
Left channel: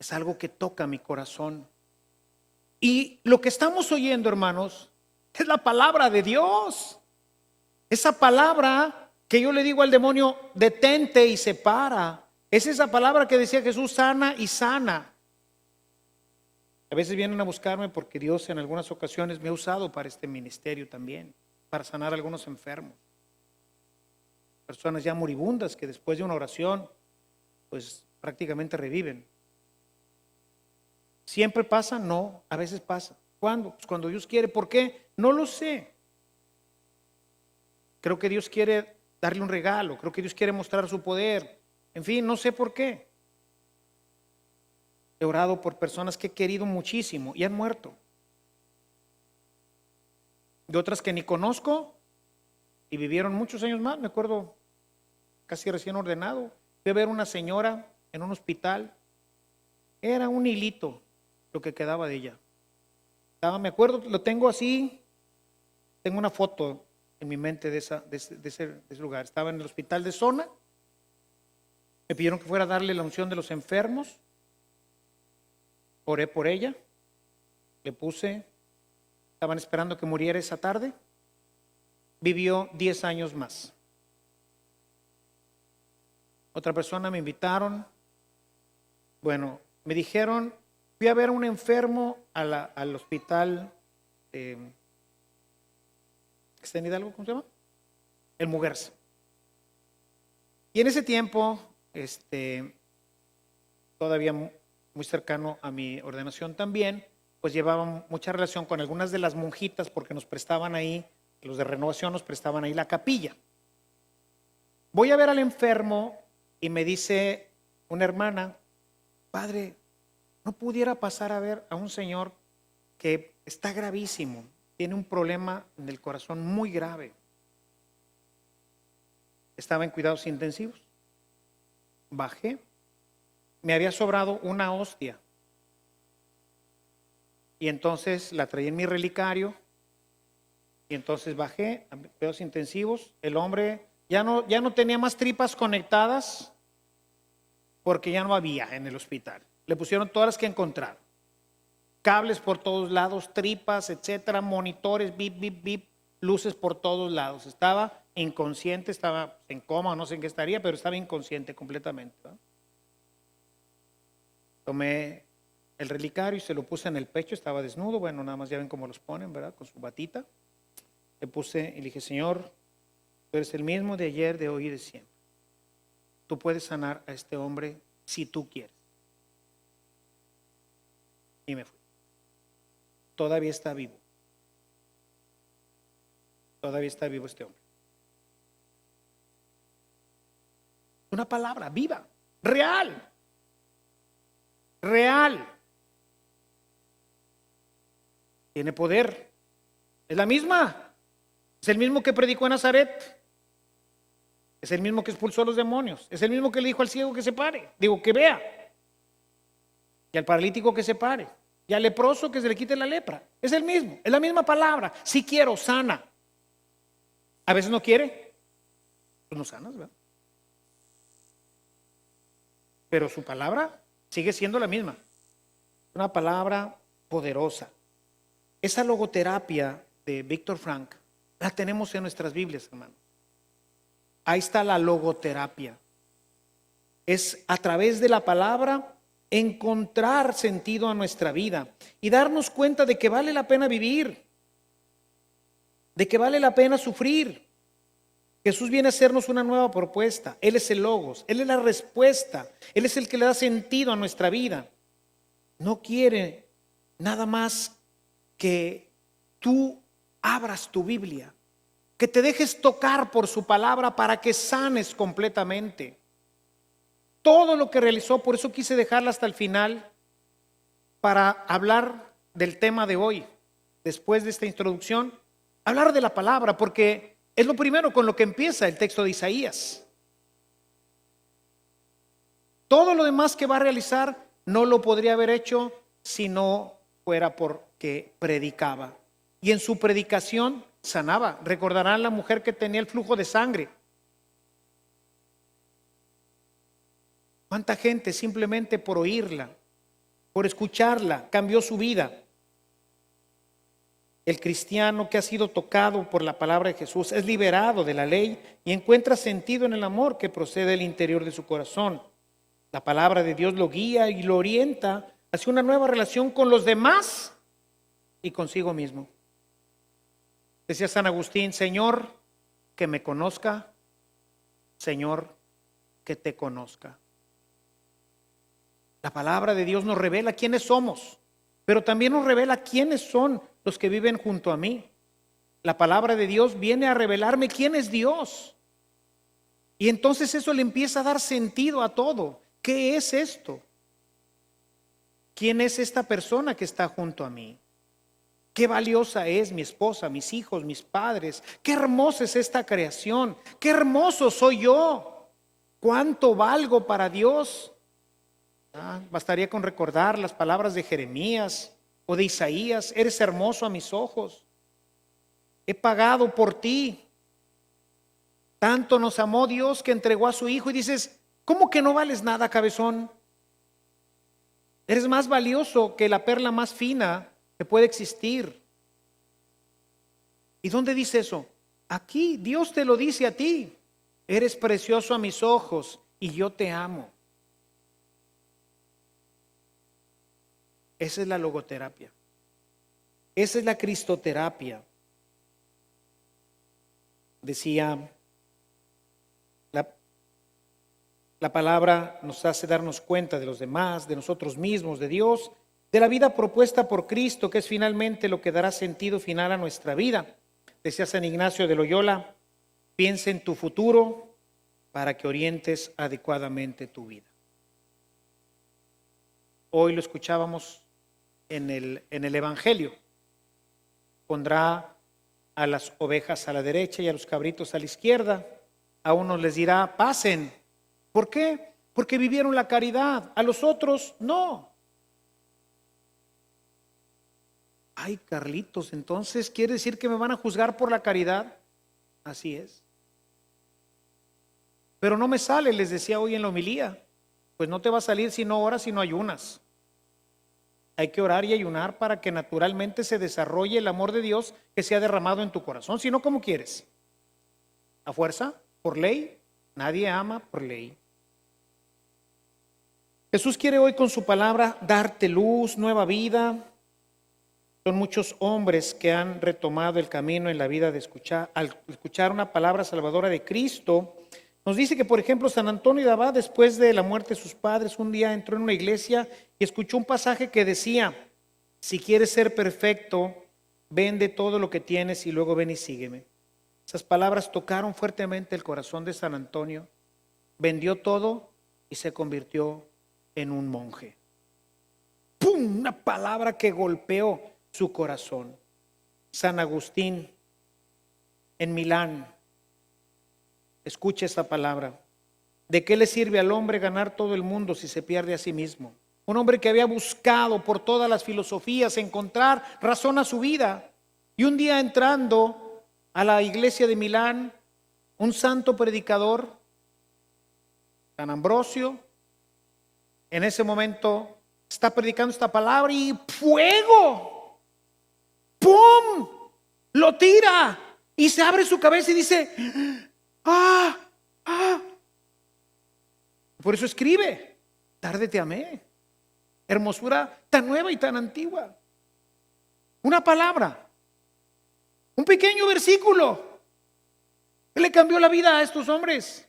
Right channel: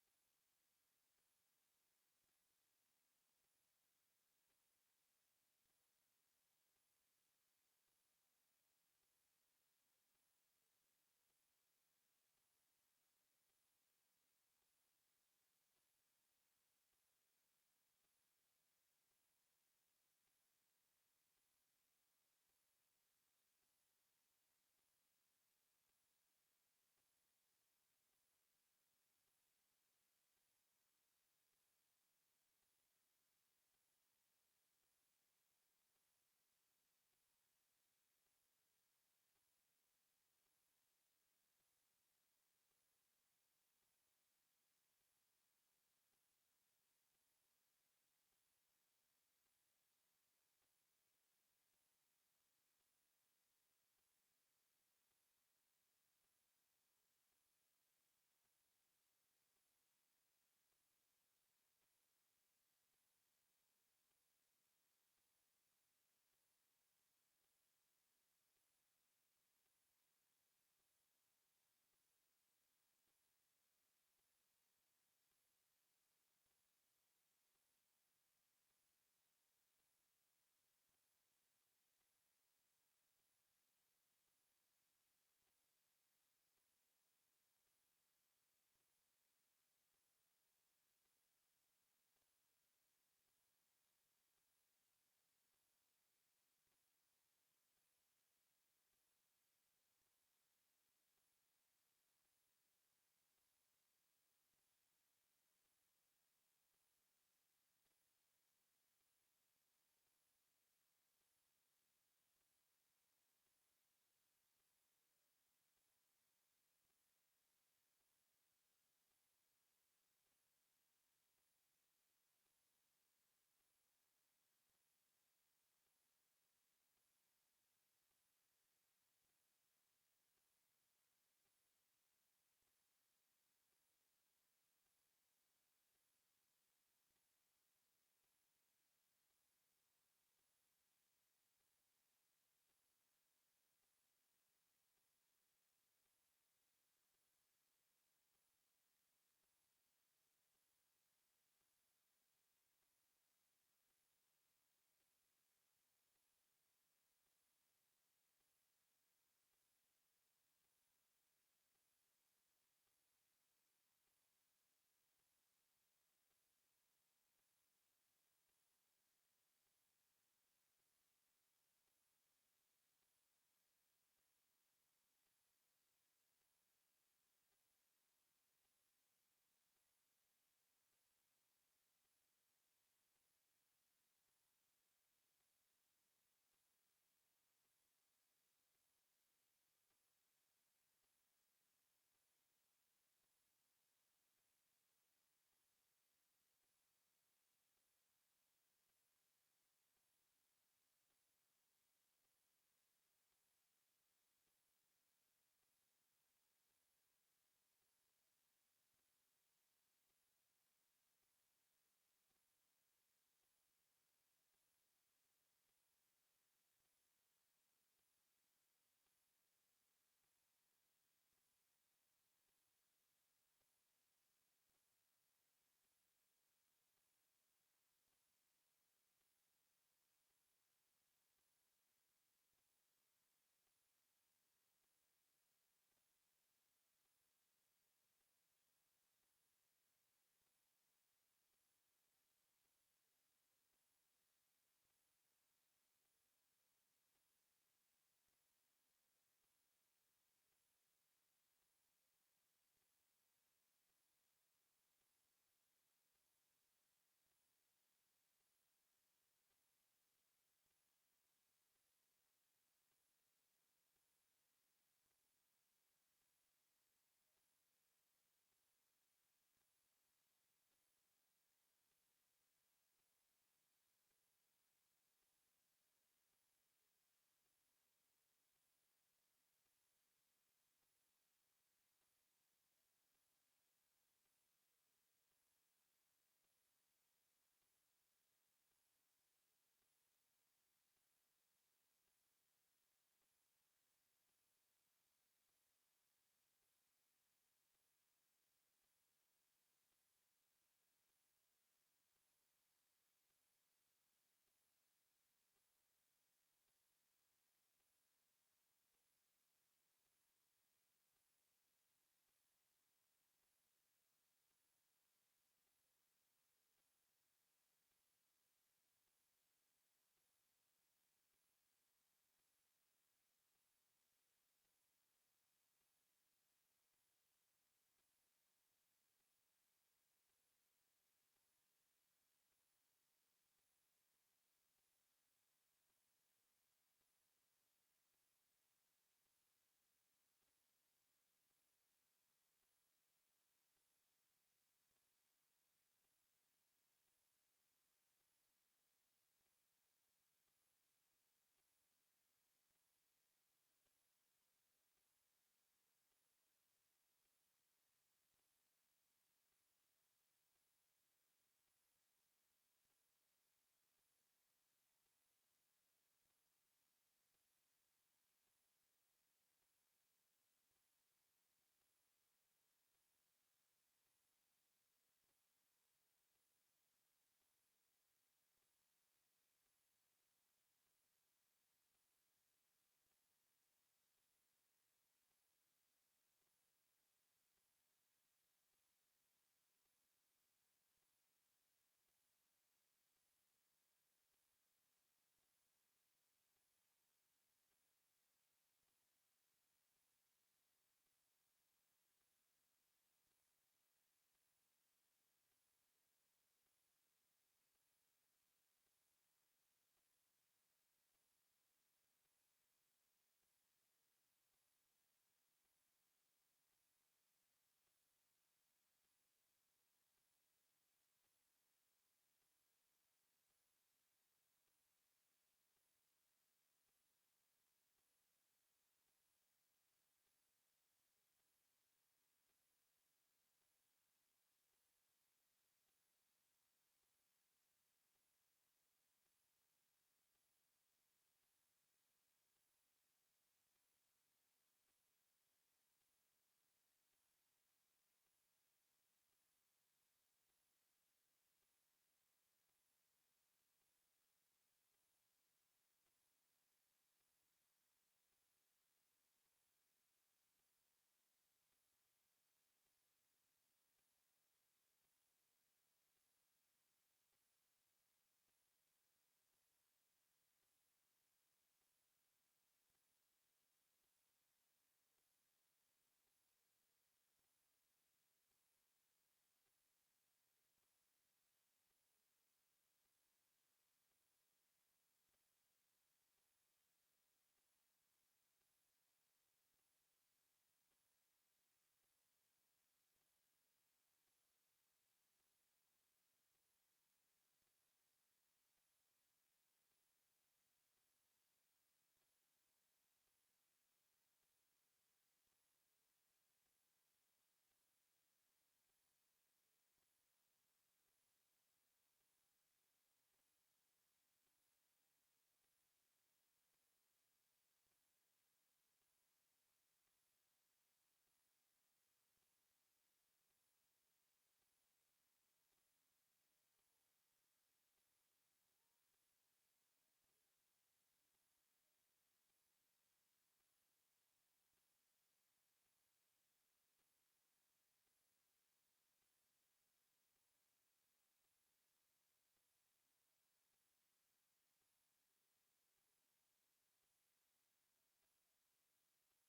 es algo que toca mi corazón. Y lo que estamos oyendo, hermanos, es la palabra de Dios. Esa palabra que yo le digo al demonio, detente y separa. Es esa palabra que decía Jesús, sana y sana. A veces vienen a buscarme porque Dios en algunas ocasiones me ha usado para este ministerio también, para sanar a algunos enfermos. Personas ya moribundas que después de una oración, pues prácticamente reviven. ¿Siempre pasa? No, a veces pasa. ¿Cuándo? Pues cuando Dios quiere. ¿Por qué? No lo sé. Creo que Dios quiere darle un regalo, creo que Dios quiere mostrar su poder. En fin, no sé por qué. He orado por personas que he querido muchísimo y han muerto. De otras que ni conozco y vivieron muchos años más. Me acuerdo, casi recién ordenado, fui a ver una señora en un hospital. Era un hilito lo que quedaba de ella. Me acuerdo, lo tengo así, tengo una foto en mi mente de ese lugar. Estaba en el hospital de zona, me pidieron que fuera a darle la unción de los enfermos, oré por ella, le puse, estaban esperando que muriera esa tarde, vivió 10 años más. Otra persona me invitaron, bueno, me dijeron, fui a ver a un enfermo al hospital ¿está en Hidalgo? ¿Cómo se llama? El Muguerza. Y en ese tiempo, todavía muy cercano a mi ordenación también, pues llevaba mucha relación con algunas de las monjitas porque nos prestaban ahí, los de renovación nos prestaban ahí la capilla. Voy a ver al enfermo y me dice una hermana, padre, ¿no pudiera pasar a ver a un señor que está gravísimo? Tiene un problema en el corazón muy grave. Estaba en cuidados intensivos. Bajé. Me había sobrado una hostia. Y entonces la traí en mi relicario. Y entonces bajé a cuidados intensivos. El hombre ya no tenía más tripas conectadas porque ya no había en el hospital. Le pusieron todas las que encontraron. Cables por todos lados, tripas, etcétera, monitores, bip, bip, bip, luces por todos lados. Estaba inconsciente, estaba en coma, no sé en qué estaría, pero estaba inconsciente completamente, ¿no? Tomé el relicario y se lo puse en el pecho, estaba desnudo, bueno, nada más ya ven cómo los ponen, ¿verdad? Con su batita. Le puse y le dije, Señor, tú eres el mismo de ayer, de hoy y de siempre. Tú puedes sanar a este hombre si tú quieres. Y me fui. Todavía está vivo. Todavía está vivo este hombre. Una palabra viva, real. Real. Tiene poder. Es la misma. Es el mismo que predicó en Nazaret. Es el mismo que expulsó a los demonios. Es el mismo que le dijo al ciego que se pare. Digo, que vea. Y al paralítico que se pare. Y al leproso que se le quite la lepra. Es el mismo. Es la misma palabra. Si quiero, sana. A veces no quiere. Pues no sanas, ¿verdad? Pero su palabra sigue siendo la misma. Una palabra poderosa. Esa logoterapia de Víctor Frank la tenemos en nuestras Biblias, hermano. Ahí está la logoterapia. Es a través de la palabra encontrar sentido a nuestra vida y darnos cuenta de que vale la pena vivir, de que vale la pena sufrir. Jesús viene a hacernos una nueva propuesta. Él es el Logos, Él es la respuesta, Él es el que le da sentido a nuestra vida. No quiere nada más que tú abras tu Biblia, que te dejes tocar por su palabra para que sanes completamente. Todo lo que realizó, por eso quise dejarla hasta el final para hablar del tema de hoy, después de esta introducción, hablar de la palabra, porque es lo primero con lo que empieza el texto de Isaías. Todo lo demás que va a realizar no lo podría haber hecho si no fuera porque predicaba. Y en su predicación sanaba. Recordarán la mujer que tenía el flujo de sangre. ¿Cuánta gente simplemente por oírla, por escucharla, cambió su vida? El cristiano que ha sido tocado por la palabra de Jesús es liberado de la ley y encuentra sentido en el amor que procede del interior de su corazón. La palabra de Dios lo guía y lo orienta hacia una nueva relación con los demás y consigo mismo. Decía San Agustín, Señor, que me conozca, Señor, que te conozca. La palabra de Dios nos revela quiénes somos, pero también nos revela quiénes son los que viven junto a mí. La palabra de Dios viene a revelarme quién es Dios. Y entonces eso le empieza a dar sentido a todo. ¿Qué es esto? ¿Quién es esta persona que está junto a mí? Qué valiosa es mi esposa, mis hijos, mis padres. Qué hermosa es esta creación. Qué hermoso soy yo. Cuánto valgo para Dios. Bastaría con recordar las palabras de Jeremías o de Isaías. Eres hermoso a mis ojos. He pagado por ti. Tanto nos amó Dios que entregó a su Hijo. Y dices, ¿cómo que no vales nada, cabezón? Eres más valioso que la perla más fina que puede existir. ¿Y dónde dice eso? Aquí, Dios te lo dice a ti. Eres precioso a mis ojos y yo te amo. Esa es la logoterapia. Esa es la cristoterapia. Decía, la palabra nos hace darnos cuenta de los demás, de nosotros mismos, de Dios, de la vida propuesta por Cristo, que es finalmente lo que dará sentido final a nuestra vida. Decía San Ignacio de Loyola, piensa en tu futuro para que orientes adecuadamente tu vida. Hoy lo escuchábamos en el Evangelio. Pondrá a las ovejas a la derecha y a los cabritos a la izquierda. A unos les dirá, pasen. ¿Por qué? Porque vivieron la caridad. A los otros, no. Ay, Carlitos, entonces, ¿quiere decir que me van a juzgar por la caridad? Así es. Pero no me sale, les decía hoy en la homilía. Pues no te va a salir si no oras, si no ayunas. Hay que orar y ayunar para que naturalmente se desarrolle el amor de Dios que se ha derramado en tu corazón. Si no, ¿cómo quieres? ¿A fuerza? ¿Por ley? Nadie ama por ley. Jesús quiere hoy con su palabra darte luz, nueva vida. Son muchos hombres que han retomado el camino en la vida de escuchar, al escuchar una palabra salvadora de Cristo. Nos dice que, por ejemplo, San Antonio de Abad, después de la muerte de sus padres, un día entró en una iglesia y escuchó un pasaje que decía: si quieres ser perfecto, vende todo lo que tienes y luego ven y sígueme. Esas palabras tocaron fuertemente el corazón de San Antonio. Vendió todo y se convirtió en un monje. ¡Pum! Una palabra que golpeó su corazón. San Agustín en Milán. Escucha esta palabra. ¿De qué le sirve al hombre ganar todo el mundo si se pierde a sí mismo? Un hombre que había buscado por todas las filosofías encontrar razón a su vida. Y un día entrando a la iglesia de Milán, un santo predicador, San Ambrosio, en ese momento está predicando esta palabra y ¡fuego! ¡Pum! Lo tira y se abre su cabeza y dice: ¡ah! ¡ah! Por eso escribe: tarde te amé. Hermosura tan nueva y tan antigua. Una palabra, un pequeño versículo que le cambió la vida a estos hombres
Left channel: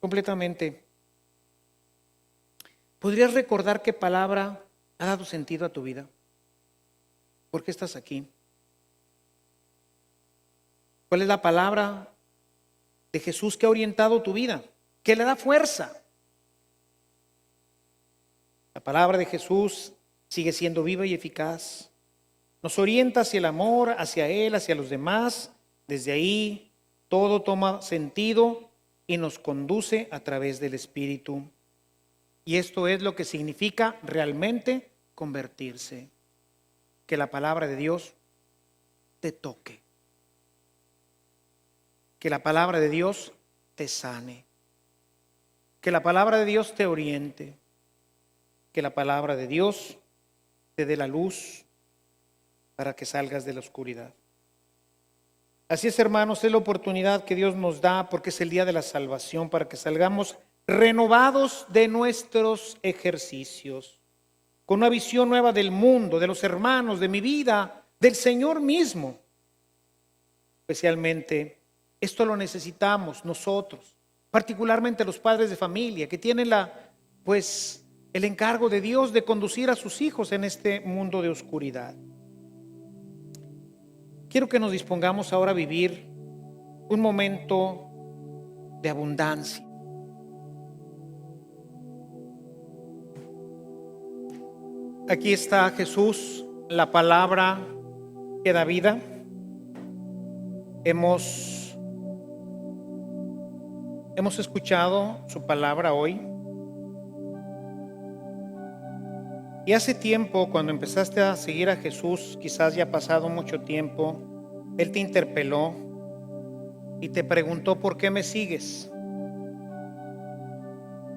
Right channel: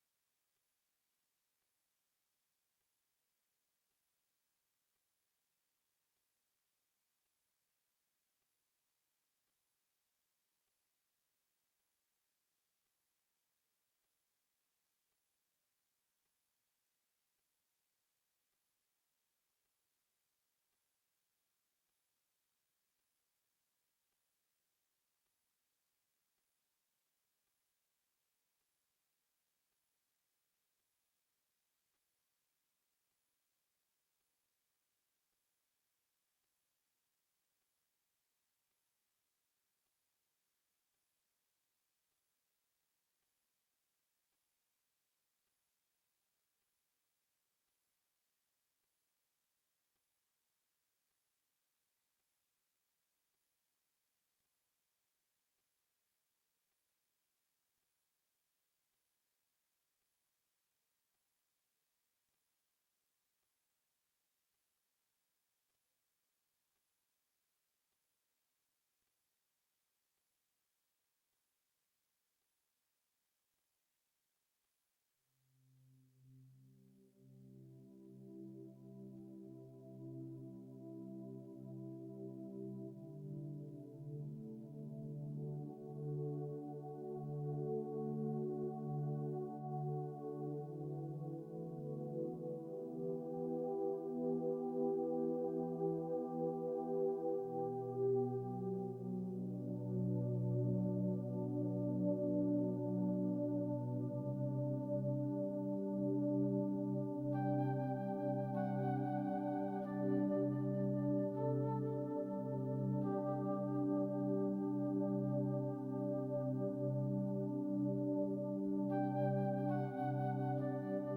completamente. ¿Podrías recordar qué palabra ha dado sentido a tu vida? ¿Por qué estás aquí? ¿Cuál es la palabra de Jesús que ha orientado tu vida? ¿Qué le da fuerza? La palabra de Jesús sigue siendo viva y eficaz. Nos orienta hacia el amor, hacia Él, hacia los demás. Desde ahí todo toma sentido y nos conduce a través del Espíritu. Y esto es lo que significa realmente convertirse. Que la palabra de Dios te toque. Que la palabra de Dios te sane. Que la palabra de Dios te oriente. Que la palabra de Dios te dé la luz para que salgas de la oscuridad. Así es, hermanos, es la oportunidad que Dios nos da porque es el día de la salvación, para que salgamos renovados de nuestros ejercicios, con una visión nueva del mundo, de los hermanos, de mi vida, del Señor mismo. Especialmente, esto lo necesitamos nosotros, particularmente los padres de familia, que tienen el encargo de Dios de conducir a sus hijos en este mundo de oscuridad. Quiero que nos dispongamos ahora a vivir un momento de abundancia. Aquí está Jesús, la palabra que da vida. Hemos escuchado su palabra hoy. Y hace tiempo, cuando empezaste a seguir a Jesús, quizás ya ha pasado mucho tiempo, Él te interpeló y te preguntó: ¿por qué me sigues?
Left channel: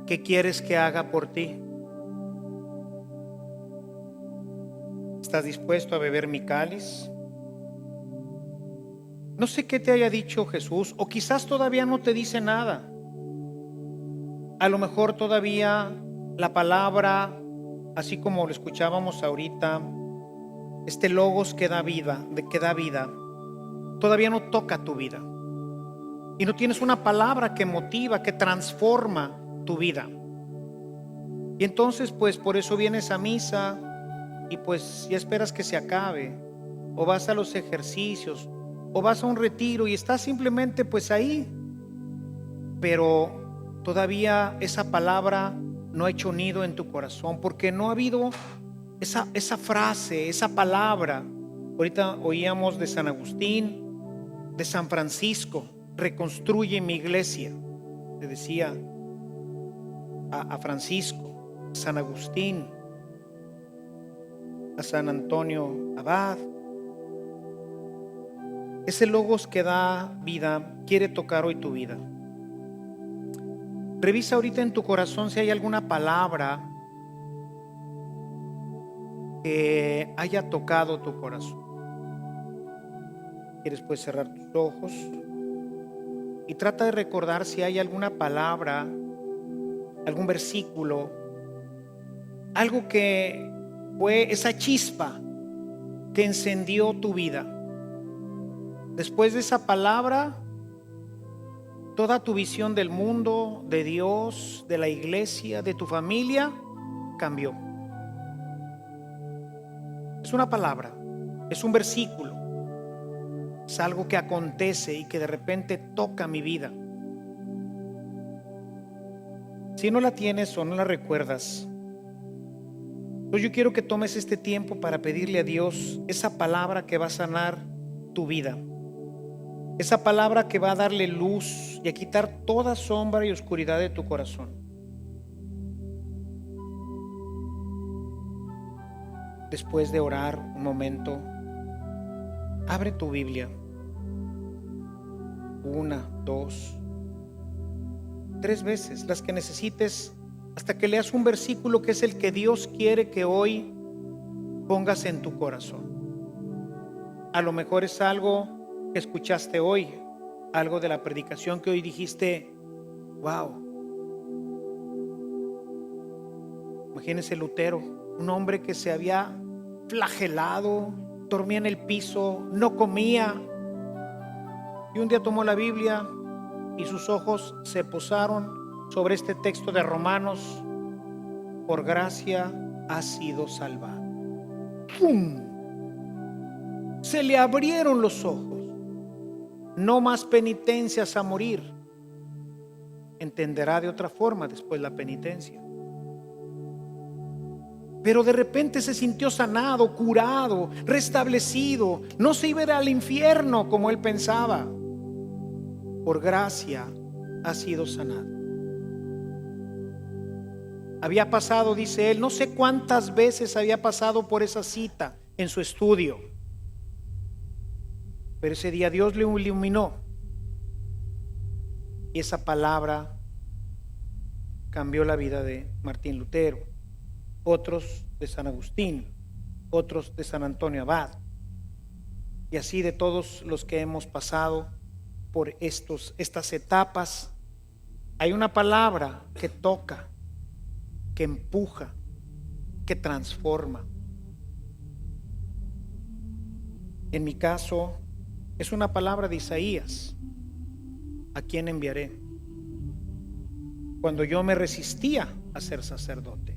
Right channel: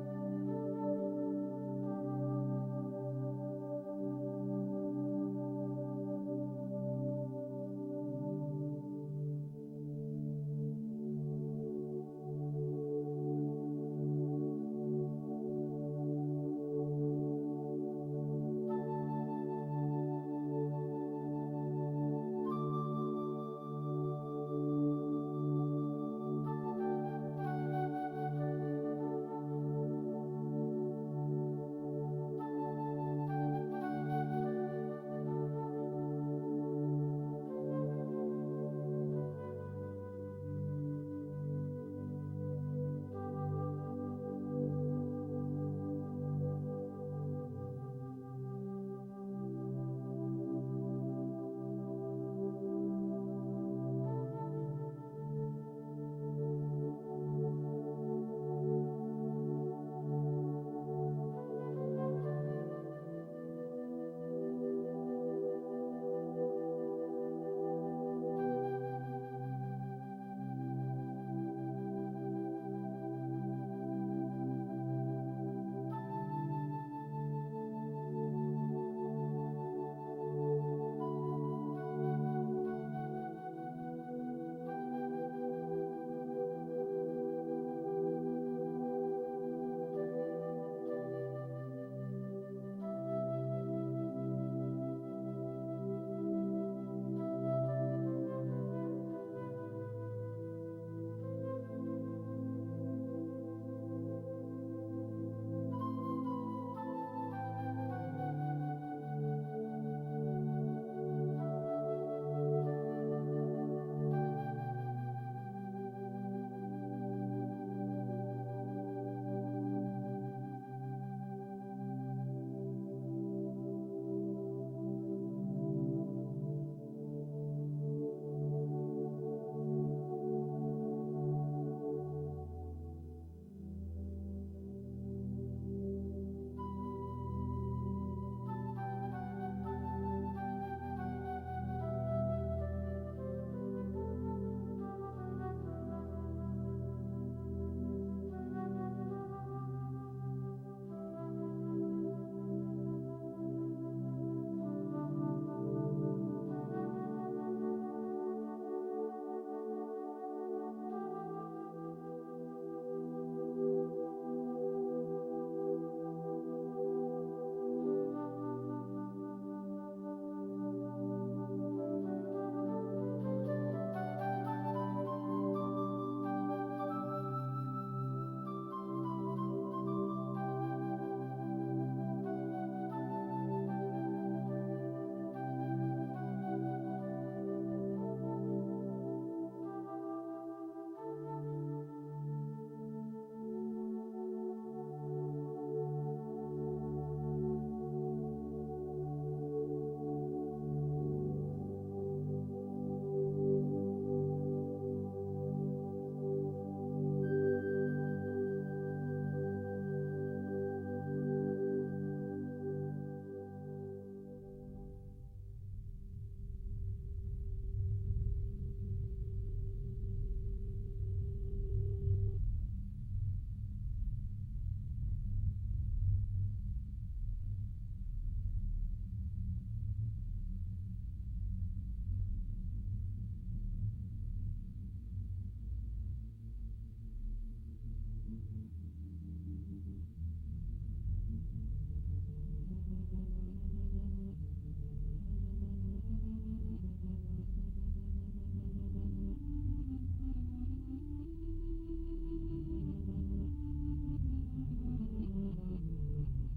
¿Qué quieres que haga por ti? ¿Estás dispuesto a beber mi cáliz? No sé qué te haya dicho Jesús, o quizás todavía no te dice nada. A lo mejor todavía la palabra, así como lo escuchábamos ahorita, este logos que da vida, todavía no toca tu vida. Y no tienes una palabra que motiva, que transforma tu vida. Y entonces, por eso vienes a misa y ya esperas que se acabe. O vas a los ejercicios, o vas a un retiro y estás simplemente ahí. Pero todavía esa palabra no ha hecho nido en tu corazón, porque no ha habido esa frase, esa palabra. Ahorita oíamos de San Agustín, de San Francisco: reconstruye mi iglesia. Le decía a Francisco, a San Agustín, a San Antonio Abad. Ese logos que da vida quiere tocar hoy tu vida. Revisa ahorita en tu corazón si hay alguna palabra que haya tocado tu corazón. Quieres cerrar tus ojos y trata de recordar si hay alguna palabra algún versículo, algo que fue esa chispa que encendió tu vida. Después de esa palabra, toda tu visión del mundo, de Dios, de la iglesia, de tu familia, cambió. Es una palabra, es un versículo, es algo que acontece y que de repente toca mi vida. Si no la tienes o no la recuerdas, pues yo quiero que tomes este tiempo para pedirle a Dios esa palabra que va a sanar tu vida, esa palabra que va a darle luz y a quitar toda sombra y oscuridad de tu corazón. Después de orar un momento, abre tu Biblia. 1, 2, 3 veces, las que necesites, hasta que leas un versículo que es el que Dios quiere que hoy pongas en tu corazón. A lo mejor es algo que escuchaste hoy, algo de la predicación que hoy dijiste, wow. Imagínese Lutero, un hombre que se había flagelado, dormía en el piso, no comía, y un día tomó la Biblia y sus ojos se posaron sobre este texto de Romanos: por gracia has sido salvado. ¡Pum! Se le abrieron los ojos. No más penitencias a morir. Entenderá de otra forma después la penitencia. Pero de repente se sintió sanado, curado, restablecido. No se iba a ir al infierno como él pensaba. Por gracia ha sido sanado. Había pasado, dice él, no sé cuántas veces había pasado por esa cita en su estudio. Pero ese día Dios le iluminó. Y esa palabra cambió la vida de Martín Lutero. Otros de San Agustín, otros de San Antonio Abad, y así de todos los que hemos pasado por estas etapas. Hay una palabra que toca, que empuja, que transforma. En mi caso, es una palabra de Isaías: ¿a quién enviaré? Cuando yo me resistía a ser sacerdote,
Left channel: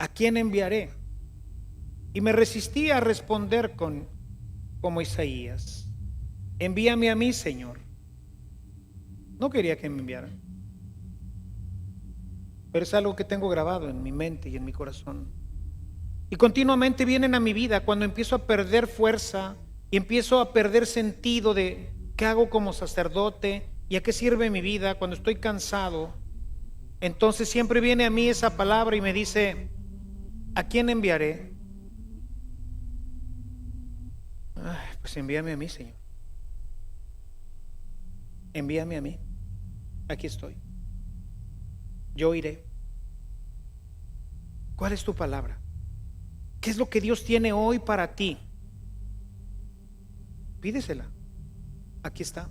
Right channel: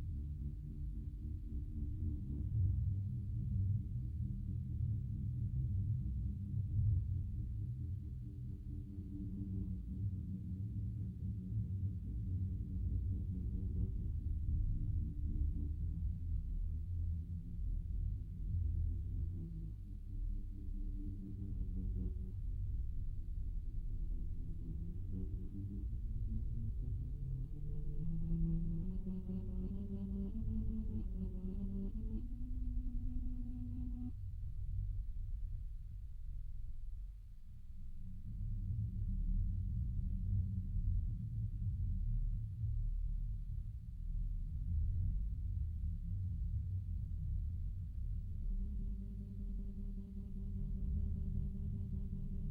¿a quién enviaré? Y me resistía a responder como Isaías: envíame a mí, Señor. No quería que me enviaran, pero es algo que tengo grabado en mi mente y en mi corazón. Y continuamente vienen a mi vida cuando empiezo a perder fuerza y empiezo a perder sentido de qué hago como sacerdote y a qué sirve mi vida. Cuando estoy cansado, entonces siempre viene a mí esa palabra y me dice: ¿a quién enviaré? Pues envíame a mí, Señor. Envíame a mí. Aquí estoy. Yo iré. ¿Cuál es tu palabra? ¿Qué es lo que Dios tiene hoy para ti? Pídesela. Aquí está.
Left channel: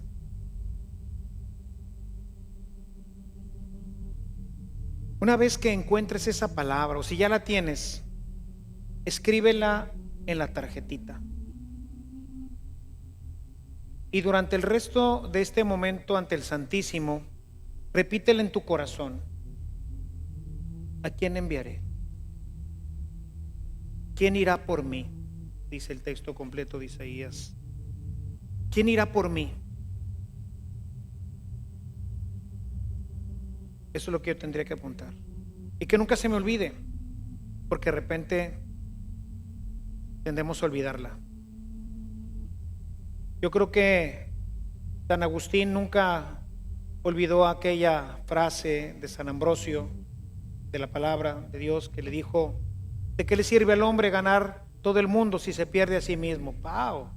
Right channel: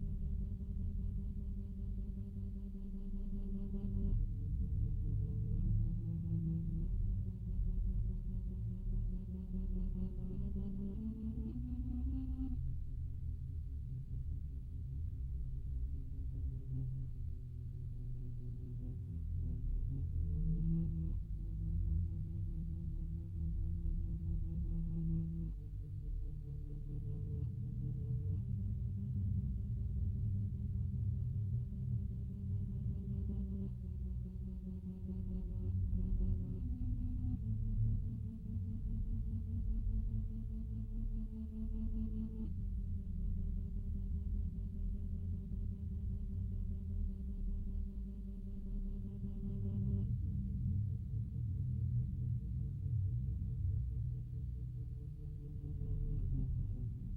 Una vez que encuentres esa palabra, o si ya la tienes, escríbela en la tarjetita. Y durante el resto de este momento ante el Santísimo, repítela en tu corazón: ¿a quién enviaré? ¿Quién irá por mí? Dice el texto completo de Isaías. ¿Quién irá por mí? Eso es lo que yo tendría que apuntar. Y que nunca se me olvide, porque de repente tendemos a olvidarla. Yo creo que San Agustín nunca olvidó aquella frase de San Ambrosio, de la palabra de Dios, que le dijo: ¿de qué le sirve al hombre ganar todo el mundo si se pierde a sí mismo? ¡Pau!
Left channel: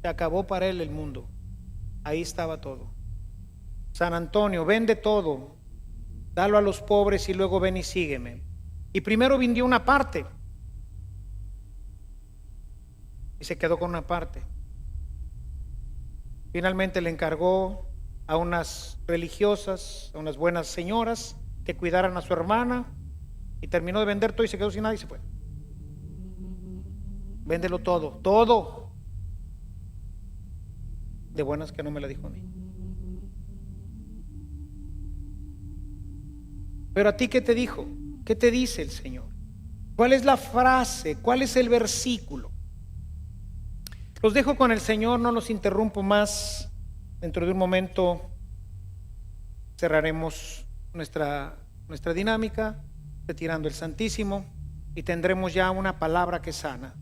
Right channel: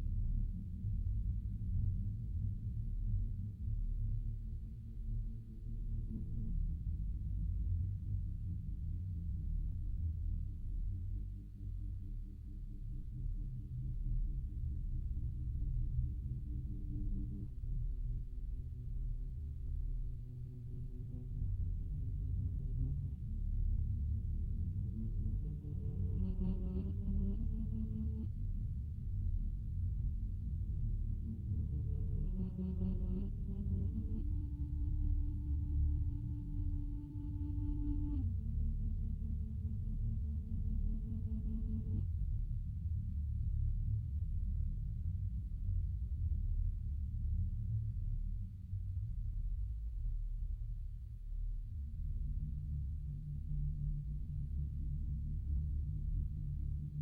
Se acabó para él el mundo. Ahí estaba todo. San Antonio: vende todo, dalo a los pobres y luego ven y sígueme. Y primero vendió una parte y se quedó con una parte. Finalmente le encargó a unas religiosas, a unas buenas señoras que cuidaran a su hermana, y terminó de vender todo y se quedó sin nada y se fue. Véndelo todo, todo. De buenas que no me la dijo a mí. Pero a ti, ¿qué te dijo? ¿Qué te dice el Señor? ¿Cuál es la frase? ¿Cuál es el versículo? Los dejo con el Señor, no los interrumpo más. Dentro de un momento cerraremos nuestra dinámica, retirando el Santísimo, y tendremos ya una palabra que sana,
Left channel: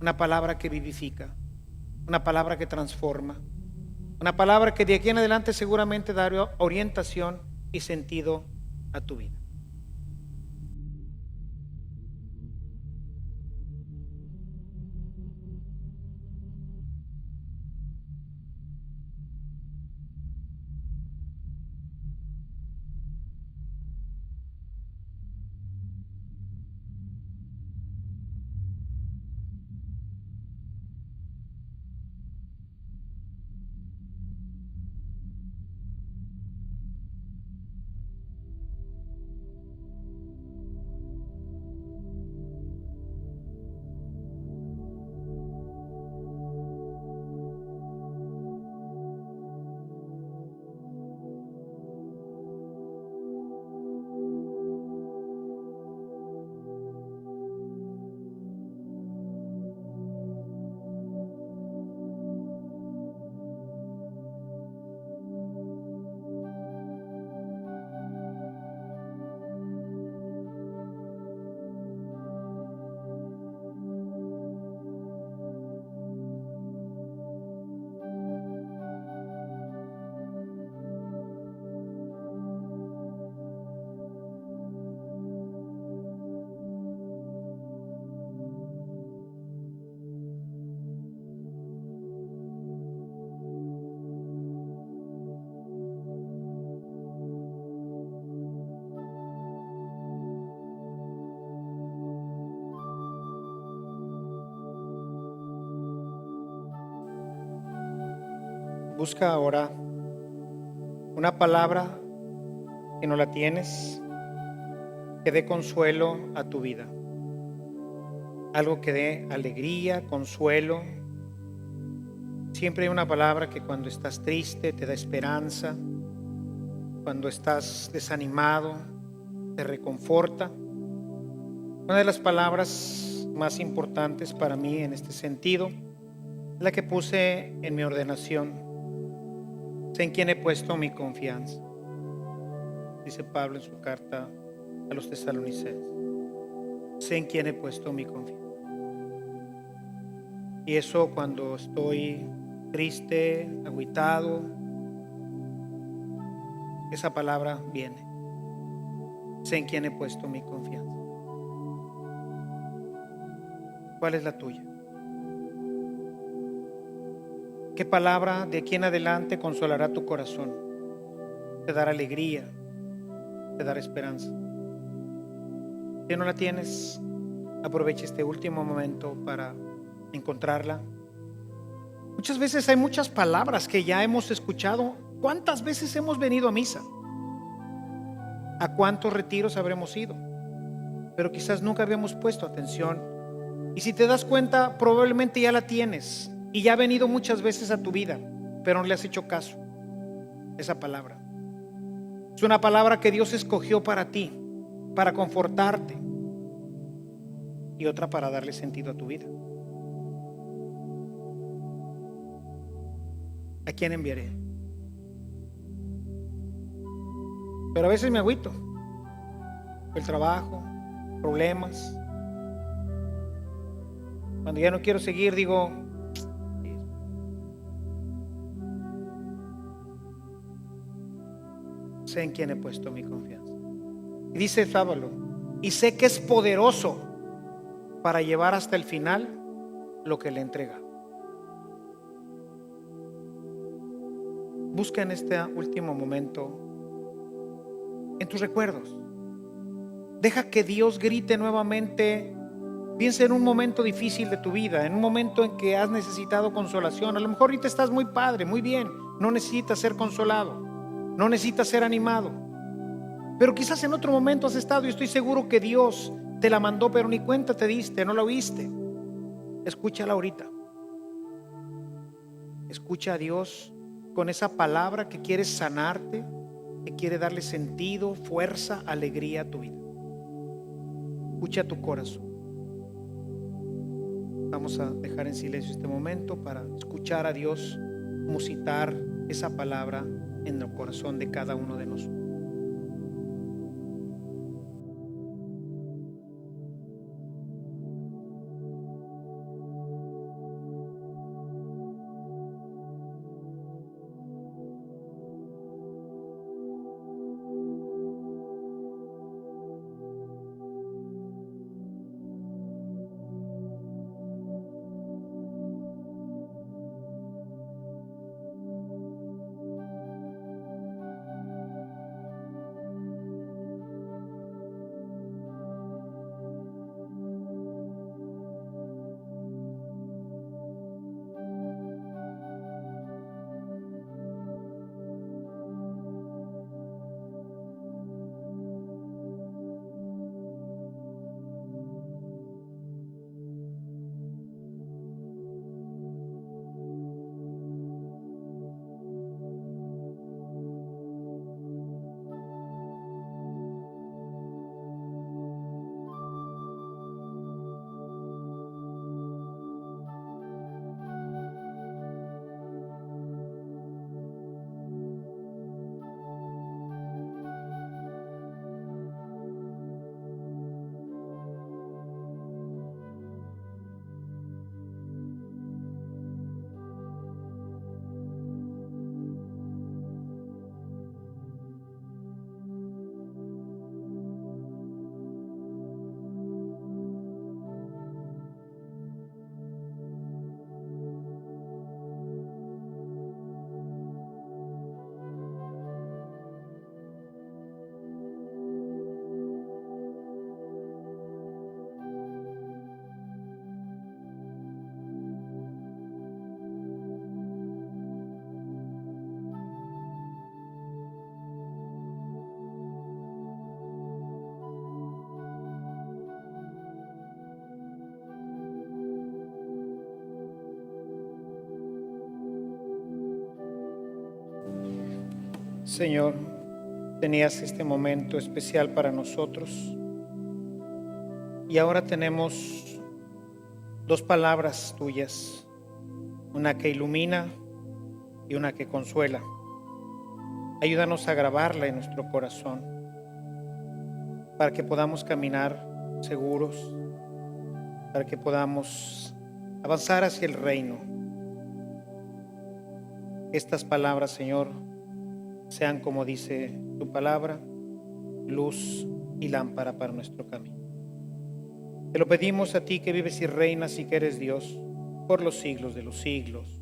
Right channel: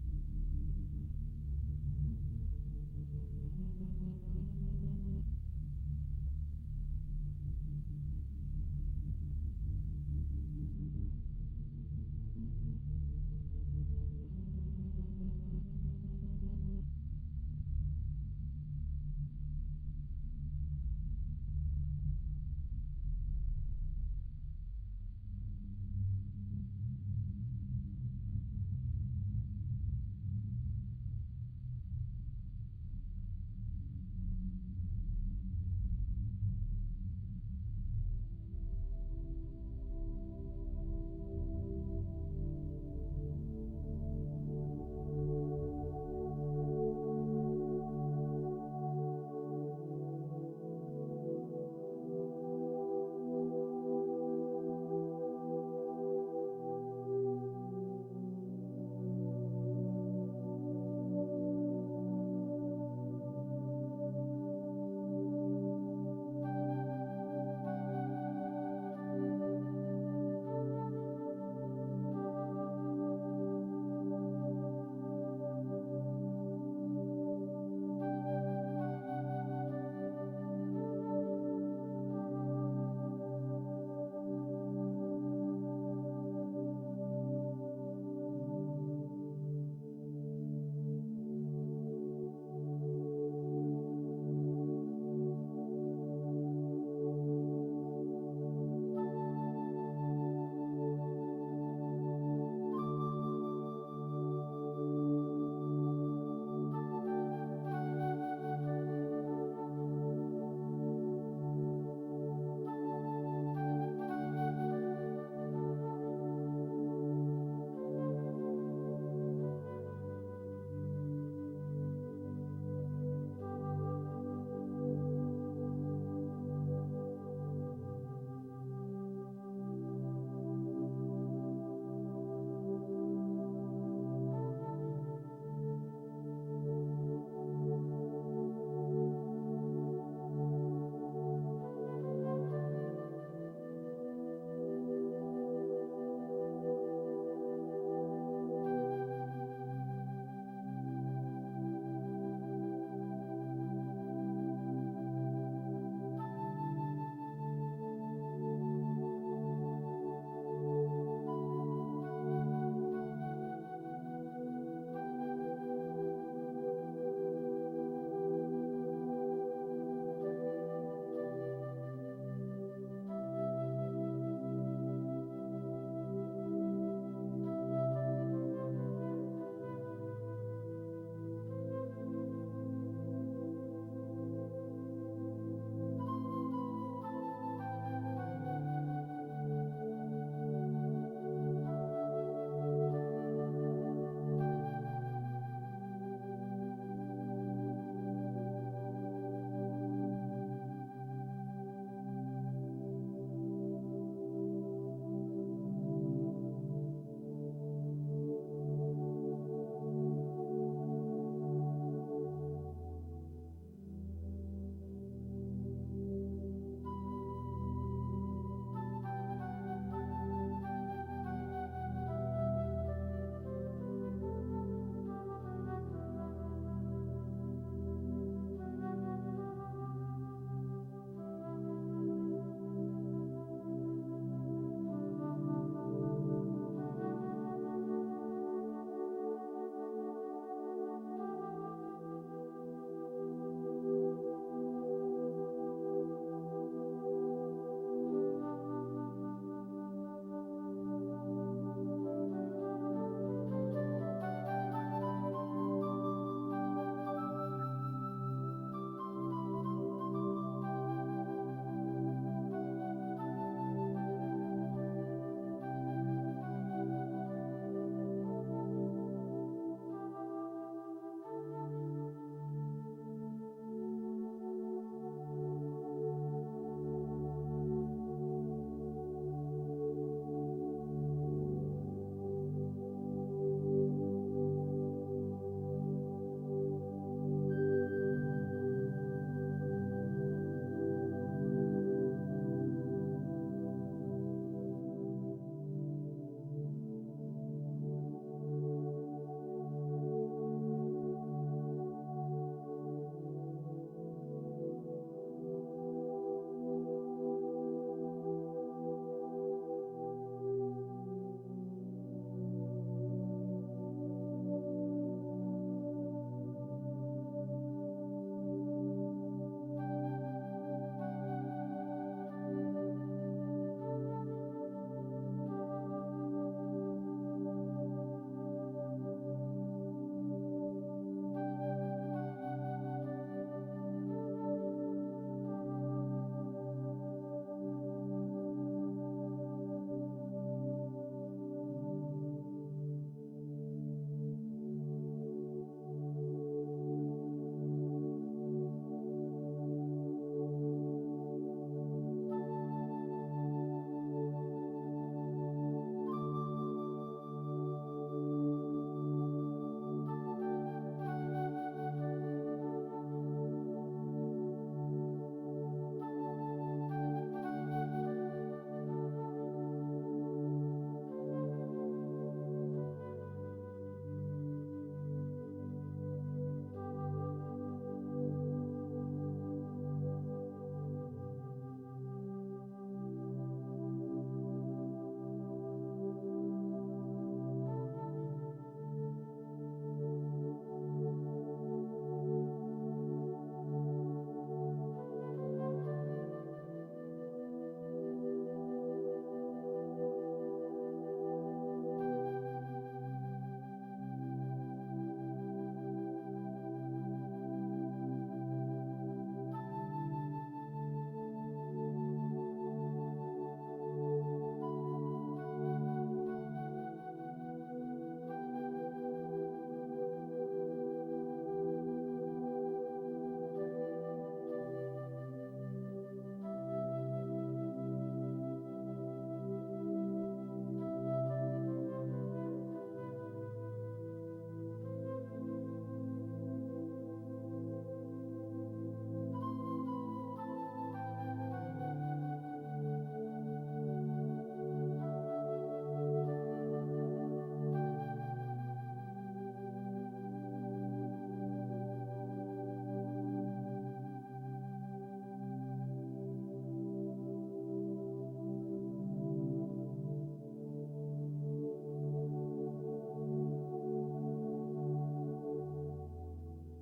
una palabra que vivifica, una palabra que transforma, una palabra que de aquí en adelante seguramente dará orientación y sentido a tu vida. Busca ahora una palabra que no la tienes, que dé consuelo a tu vida, algo que dé alegría, consuelo. Siempre hay una palabra que cuando estás triste te da esperanza, cuando estás desanimado te reconforta. Una de las palabras más importantes para mí en este sentido es la que puse en mi ordenación: sé en quién he puesto mi confianza, dice Pablo en su carta a los tesalonicenses. Sé en quién he puesto mi confianza. Y eso, cuando estoy triste, agüitado, esa palabra viene: sé en quién he puesto mi confianza. ¿Cuál es la tuya? ¿Qué palabra de aquí en adelante consolará tu corazón? Te dará alegría, te dará esperanza. Si no la tienes, aprovecha este último momento para encontrarla. Muchas veces hay muchas palabras que ya hemos escuchado. ¿Cuántas veces hemos venido a misa? ¿A cuántos retiros habremos ido? Pero quizás nunca habíamos puesto atención. Y si te das cuenta, probablemente ya la tienes y ya ha venido muchas veces a tu vida, pero no le has hecho caso. Esa palabra es una palabra que Dios escogió para ti, para confortarte, y otra para darle sentido a tu vida. ¿A quién enviaré? Pero a veces me agüito. El trabajo, problemas. Cuando ya no quiero seguir, digo: sé en quién he puesto mi confianza. Y dice Sábalo: y sé que es poderoso para llevar hasta el final lo que le entrega. Busca en este último momento en tus recuerdos. Deja que Dios grite nuevamente. Piensa en un momento difícil de tu vida, en un momento en que has necesitado consolación. A lo mejor ahorita estás muy padre, muy bien, no necesitas ser consolado, no necesitas ser animado. Pero quizás en otro momento has estado y estoy seguro que Dios te la mandó, pero ni cuenta te diste, no la oíste. Escúchala ahorita. Escucha a Dios con esa palabra que quiere sanarte, que quiere darle sentido, fuerza, alegría a tu vida. Escucha tu corazón. Vamos a dejar en silencio este momento para escuchar a Dios musitar esa palabra en el corazón de cada uno de nosotros. Señor, tenías este momento especial para nosotros y ahora tenemos dos palabras tuyas, una que ilumina y una que consuela. Ayúdanos a grabarla en nuestro corazón para que podamos caminar seguros, para que podamos avanzar hacia el reino. Estas palabras, Señor, sean, como dice tu palabra, luz y lámpara para nuestro camino. Te lo pedimos a ti que vives y reinas y que eres Dios por los siglos de los siglos.